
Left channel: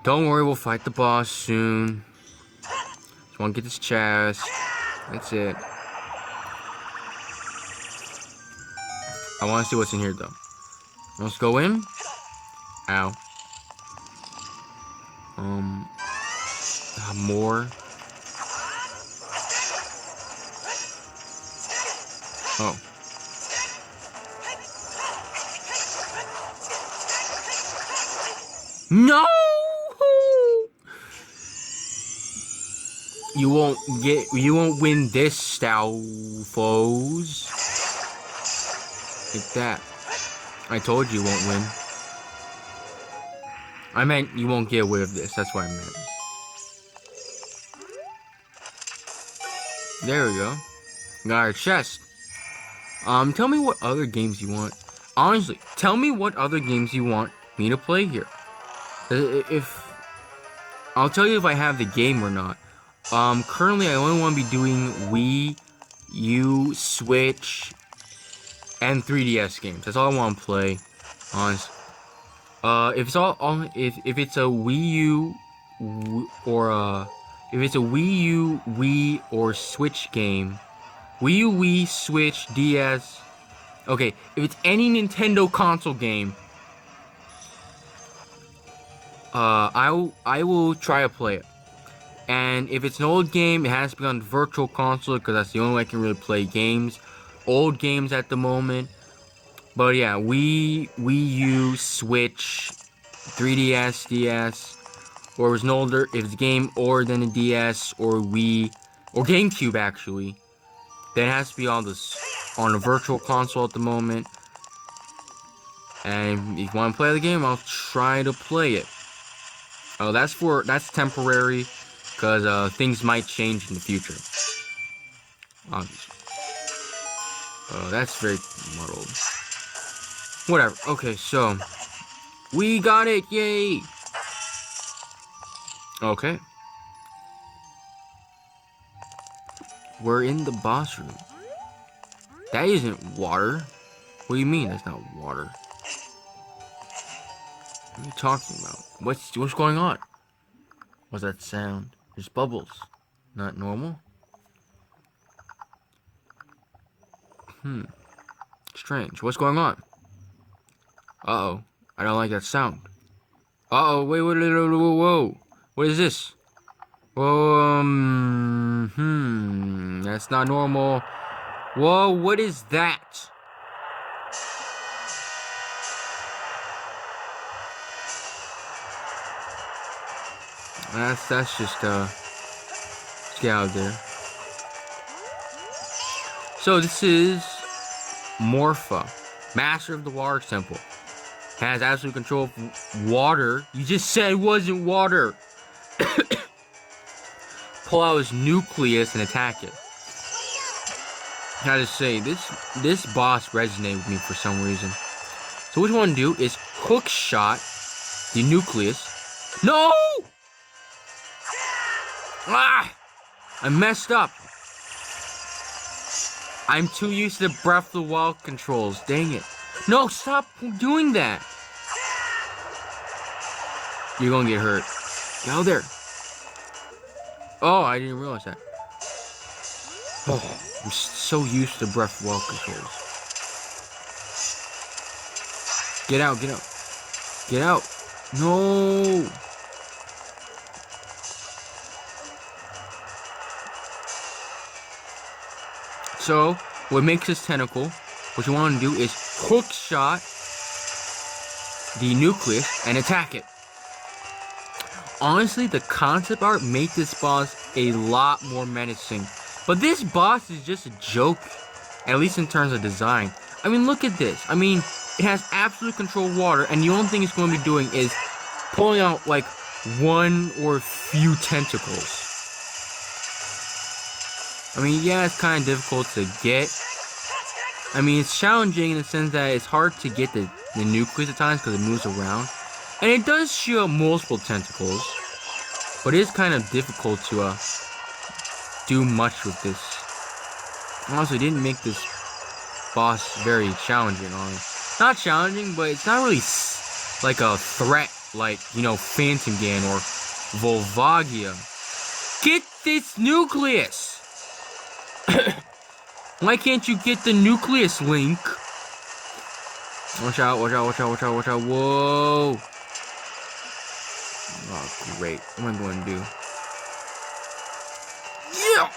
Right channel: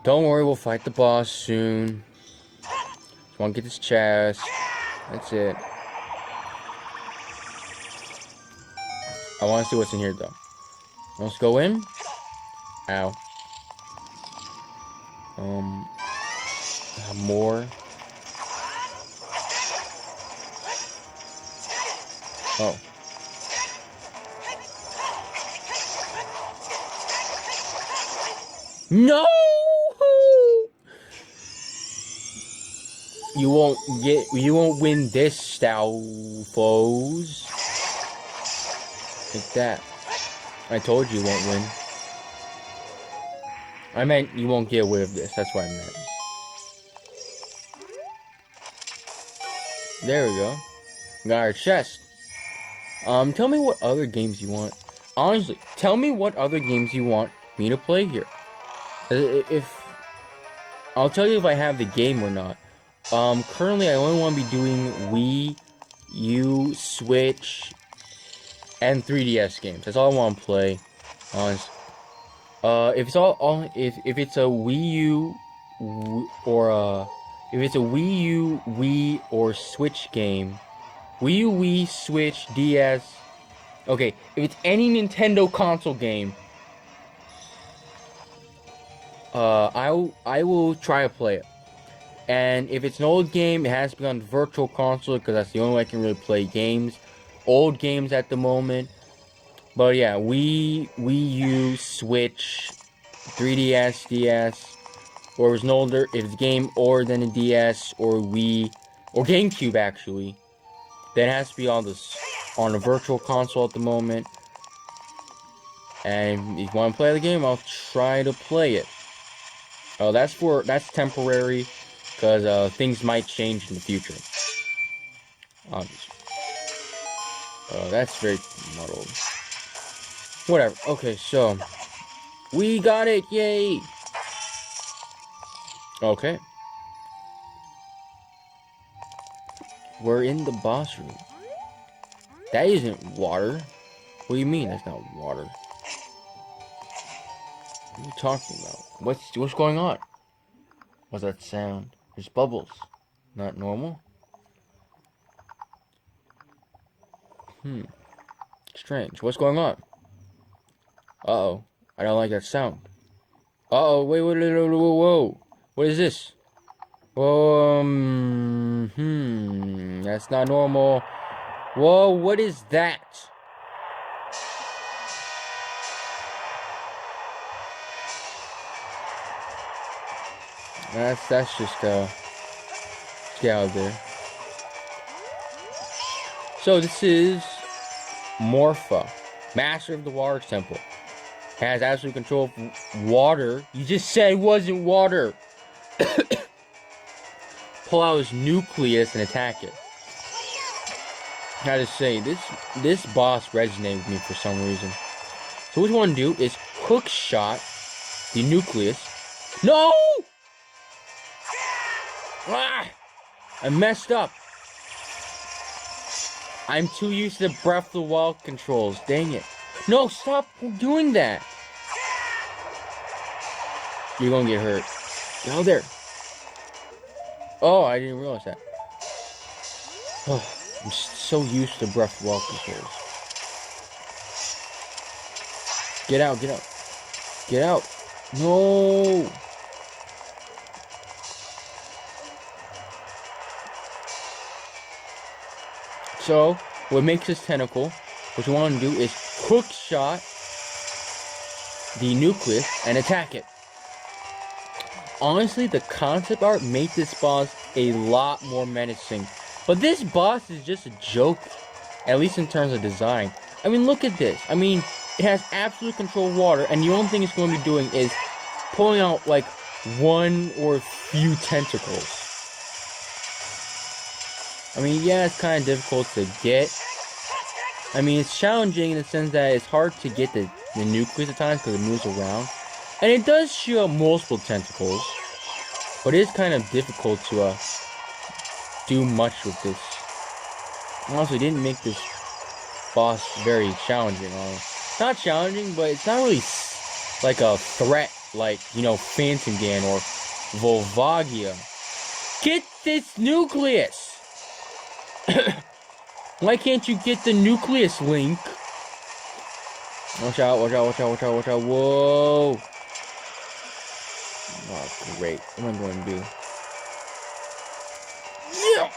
Don't worry, we'll fight the boss soon. Just want to get this chest. That's it. I want to see what's in here, though. Let's go in. Ow. More. Oh. No! You won't win this, Stalfos. Like that. I told you won't win. I meant you won't get away with this. That's what I meant. There we go. Got our chest. Tell me what other games you want. Honestly, tell me what other games you want me to play here. I'll tell you if I have the game or not. Currently I only want to be doing Wii, U, Switch, and 3DS games. That's all I want to play. Honestly. If it's if it's a Wii U or if it's a Wii U, Wii or Switch game, Wii U, Wii, Switch, DS. Okay, if it's any Nintendo console game, I will try to play it. And if it's an old game, it has to be on the virtual console, because that's the only way I can really play games. Old games at the moment. But yeah, Wii U, Switch, 3DS, DS, or if it's an older, if it's a game older than a DS or Wii, or GameCube actually, then it has to be on a virtual console at the moment. And if you want to play the game, I'll try to play it. That's temporary, because things might change in the future. Obviously. That's very muddled. Whatever. Okay, so we got it! Yay! Okay. We're in the boss room. That isn't water. What do you mean that's not water? are you talking about? What's going on? What's that sound? There's bubbles. Not normal? Strange. What's going on? Uh-oh. I don't like that sound. Uh-oh. Wait, whoa. What is this? That's not normal. Whoa, what is that? That's just, let's get out of there. So this is Morpha, Master of the Water Temple. Has absolute control of water. You just said it wasn't water. Pull out his nucleus and attack it. How to say, this boss resonated with me for some reason. So what you want to do is hook shot the nucleus. No! Ah! I messed up. I'm too used to the Breath of the Wild controls. Dang it. No, stop doing that. You're gonna get hurt. Get out there. Oh, I didn't realize that. Oh, I'm so used to Breath of the Wild controls. Get out, get out. Get out. No. So, what makes this tentacle, what you want to do is hook shot the nucleus and attack it. Honestly, the concept art made this boss a lot more menacing. But this boss is just a joke, at least in terms of design. I mean, look at this. I mean, it has absolute control of water, and the only thing it's going to be doing is pulling out, like, one or few tentacles. I mean, yeah, it's kind of difficult to get. I mean, it's challenging in the sense that it's hard to get the nucleus at times because it moves around. And it does shoot out multiple tentacles. But it is kind of difficult to do much with this. And also, it didn't make this boss very challenging. Not challenging, but it's not really like a threat like, you know, Phantomgan or Volvagia. Get this nucleus! Why can't you get the nucleus, Link? Watch out, watch out, watch out, watch out, watch out. Whoa. Oh, great. What am I going to do? Yeah.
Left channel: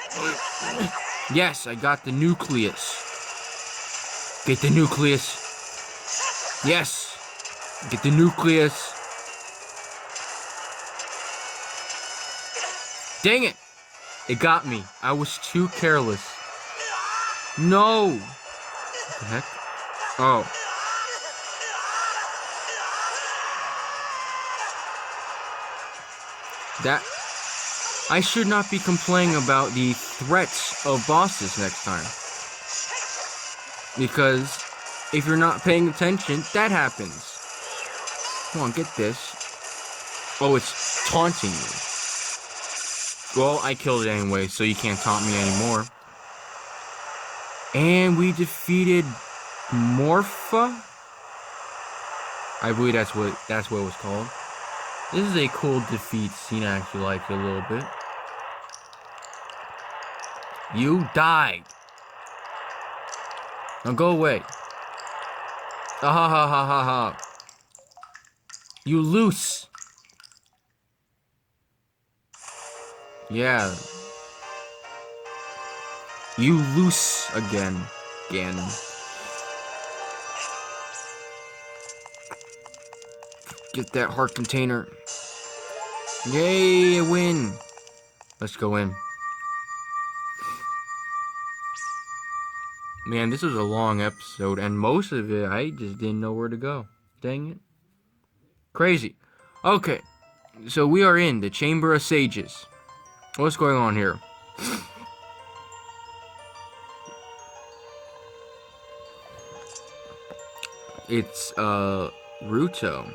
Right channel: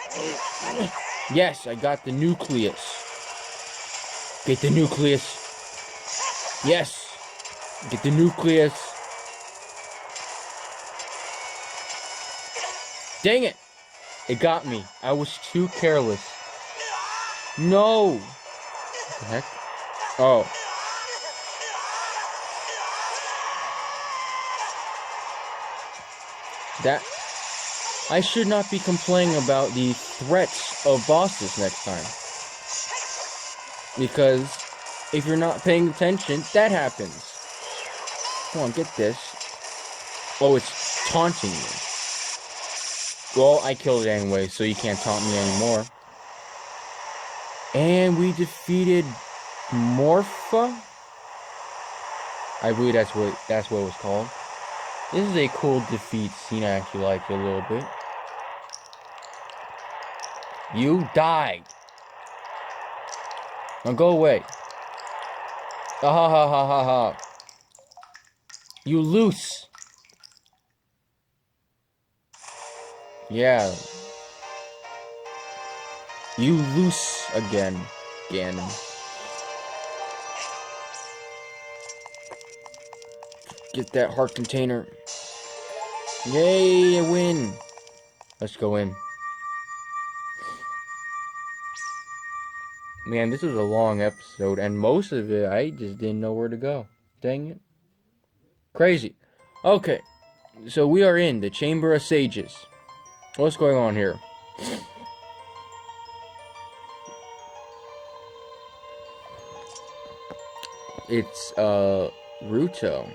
Yes, I got the nucleus. Get the nucleus. Yes. Get the nucleus. Dang it. It got me. I was too careless. No. What the heck? Oh. That... I should not be complaining about the threats of bosses next time. Because if you're not paying attention, that happens. Come on, get this. Oh, it's taunting me. Well, I killed it anyway, so you can't taunt me anymore. And we defeated Morpha? I believe that's what it was called. This is a cool defeat scene. I actually like it a little bit. You died. Now go away. Ha ha ha ha ha ha. You loose. Yeah. You loose again, Ganon. Get that heart container. Yay, I win. Let's go in. Man, this was a long episode, and most of it, I just didn't know where to go. Dang it. Crazy. Okay, so we are in the Chamber of Sages. What's going on here? It's, Ruto.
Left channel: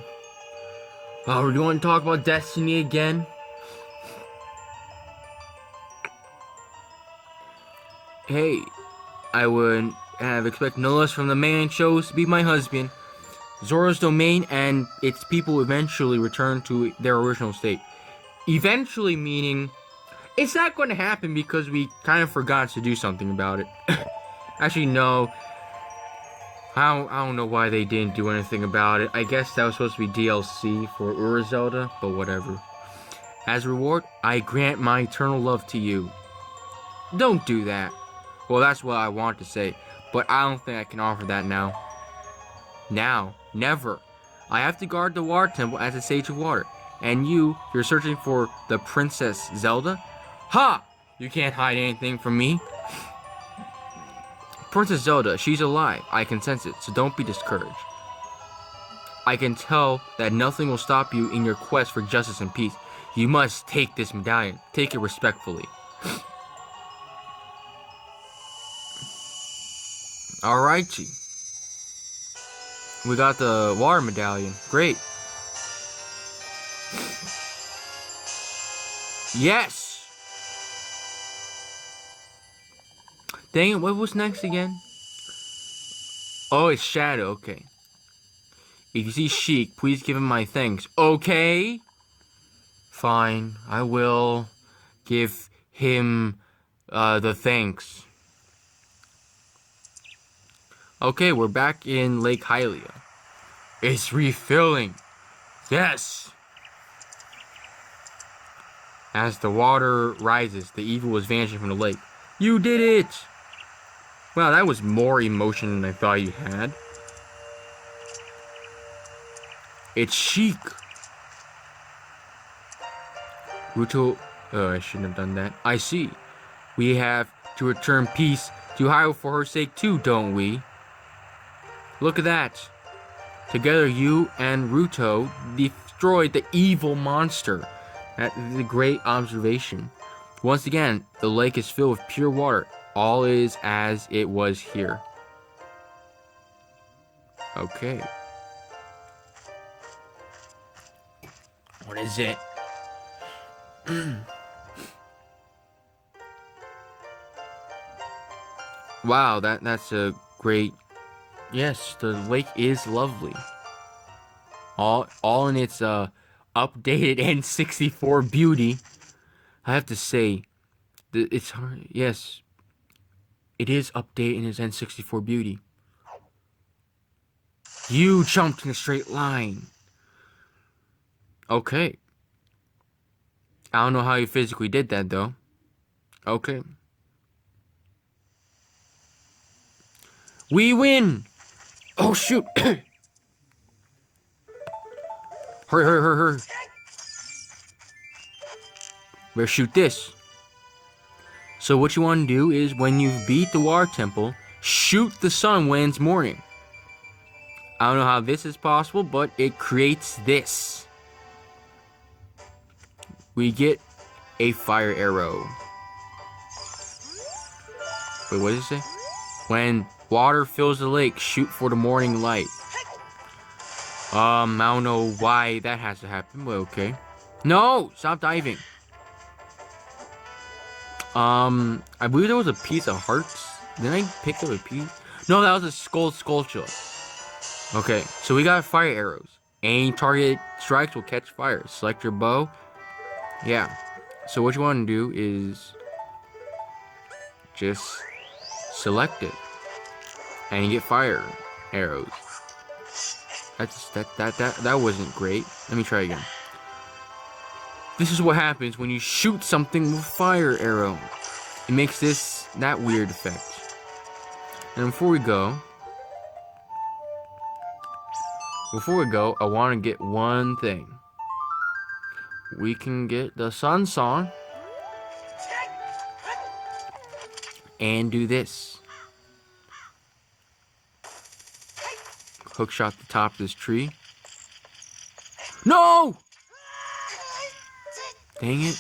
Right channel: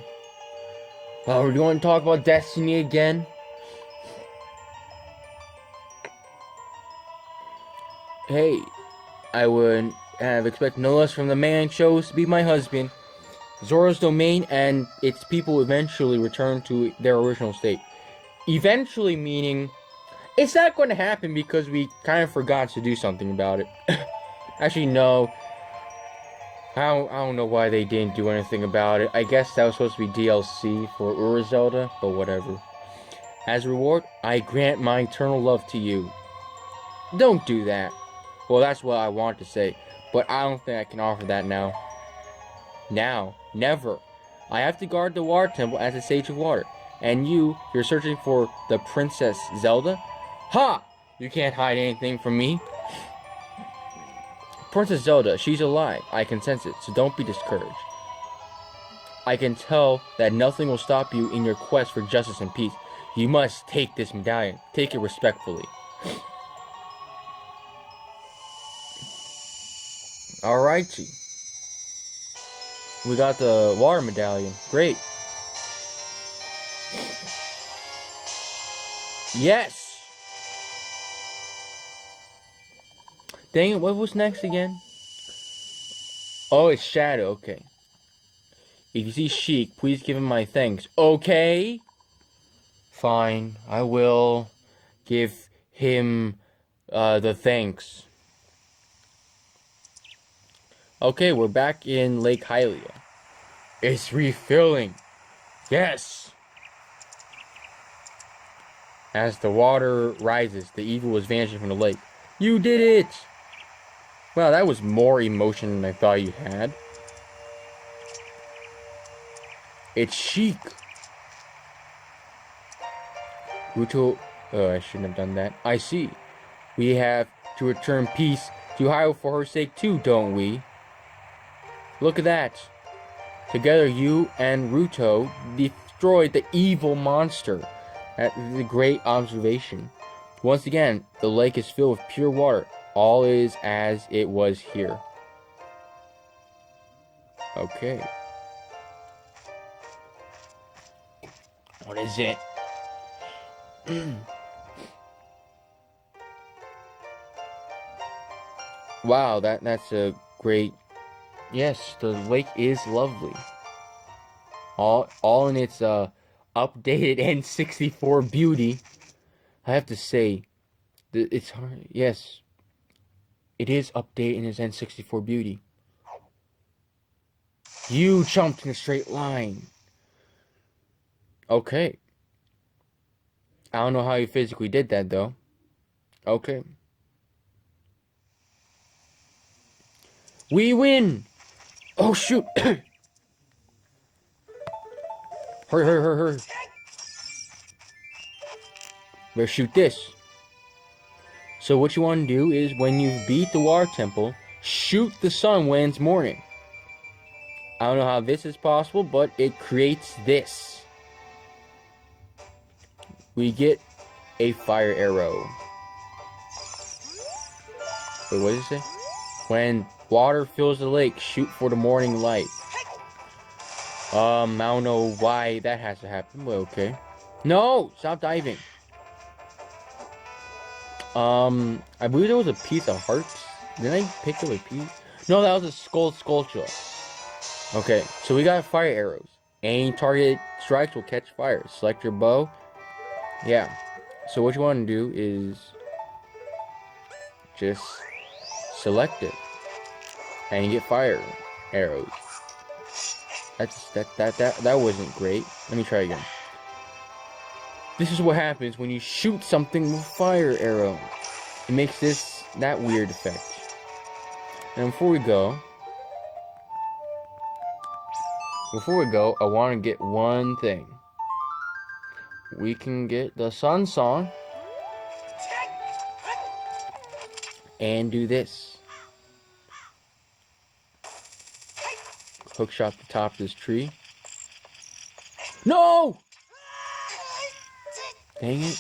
Oh, you want to talk about Destiny again? Hey, I would have expected no less from the man chose to be my husband. Zora's domain and its people eventually return to their original state. Eventually meaning it's not going to happen because we kind of forgot to do something about it. Actually, no. I don't know why they didn't do anything about it. I guess that was supposed to be DLC for Ura Zelda, but whatever. As a reward, I grant my eternal love to you. Don't do that. Well, that's what I want to say, but I don't think I can offer that now. Now, never. I have to guard the water temple as a sage of water. And you're searching for the Princess Zelda? Ha! You can't hide anything from me. Princess Zelda, she's alive. I can sense it, so don't be discouraged. I can tell that nothing will stop you in your quest for justice and peace. You must take this medallion. Take it respectfully. Alrighty. We got the water medallion. Great. Yes! Dang it, what was next again? Oh, it's Shadow, okay. If you see Sheik, please give him my thanks. Okay? Fine, I will give him the thanks. Okay, we're back in Lake Hylia. It's refilling. Yes! As the water rises, the evil is vanishing from the lake. You did it! Wow, that was more emotion than I thought you had. It's Sheik. Ruto, I shouldn't have done that. I see. We have to return peace to Hyrule for her sake too, don't we? Look at that. Together you and Ruto destroyed the evil monster. That is a great observation. Once again, the lake is filled with pure water. All is as it was here. Okay. What is it? Wow, that's a great... Yes, the lake is lovely. All in its updated N64 beauty. I have to say, it's hard. Yes, it is updated in its N64 beauty. You jumped in a straight line. Okay. I don't know how you physically did that, though. Okay. We win! Oh, shoot! Hurry, hurry, hurry, hurry. Better shoot this. So what you want to do is, when you beat the water temple, shoot the sun when it's morning. I don't know how this is possible, but it creates this. We get a fire arrow. Wait, what did it say? When water fills the lake, shoot for the morning light. I don't know why that has to happen, but okay. No! Stop diving. I believe there was a piece of hearts. Did I pick up a piece? No, that was a sculpture. Okay, so we got fire arrows. Any target strikes will catch fire. Select your bow. Yeah. So what you want to do is just select it, and you get fire arrows. That wasn't great. Let me try again. This is what happens when you shoot something with fire arrow. It makes that weird effect. And before we go, I want to get one thing. We can get the Sun Song and do this. Hookshot the top of this tree. No! Dang it.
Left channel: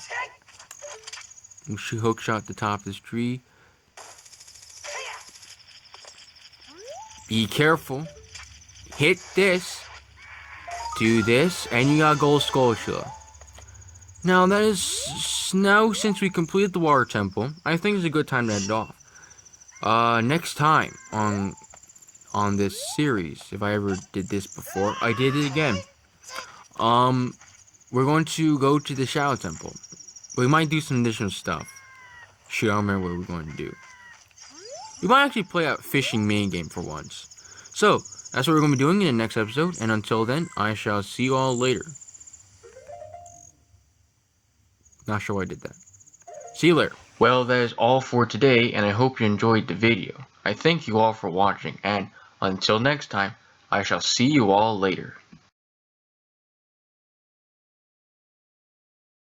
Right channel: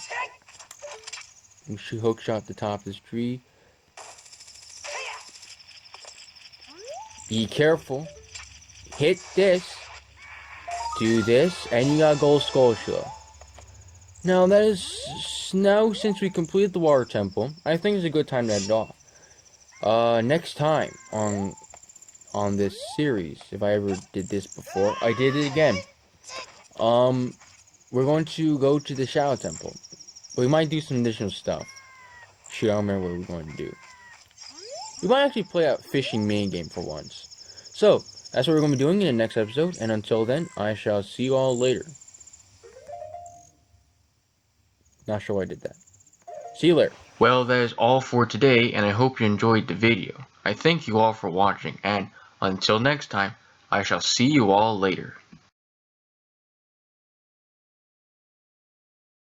We should hookshot the top of this tree. Be careful. Hit this. Do this. And you got gold sculpture. Now since we completed the water temple, I think it's a good time to end it off. Next time on on this series. If I ever did this before, I did it again. We're going to go to the Shadow Temple. We might do some additional stuff. Shoot, I don't remember what we're going to do. We might actually play a fishing mini game for once. So, that's what we're going to be doing in the next episode, and until then, I shall see you all later. Not sure why I did that. See you later. Well, that is all for today, and I hope you enjoyed the video. I thank you all for watching, and until next time, I shall see you all later.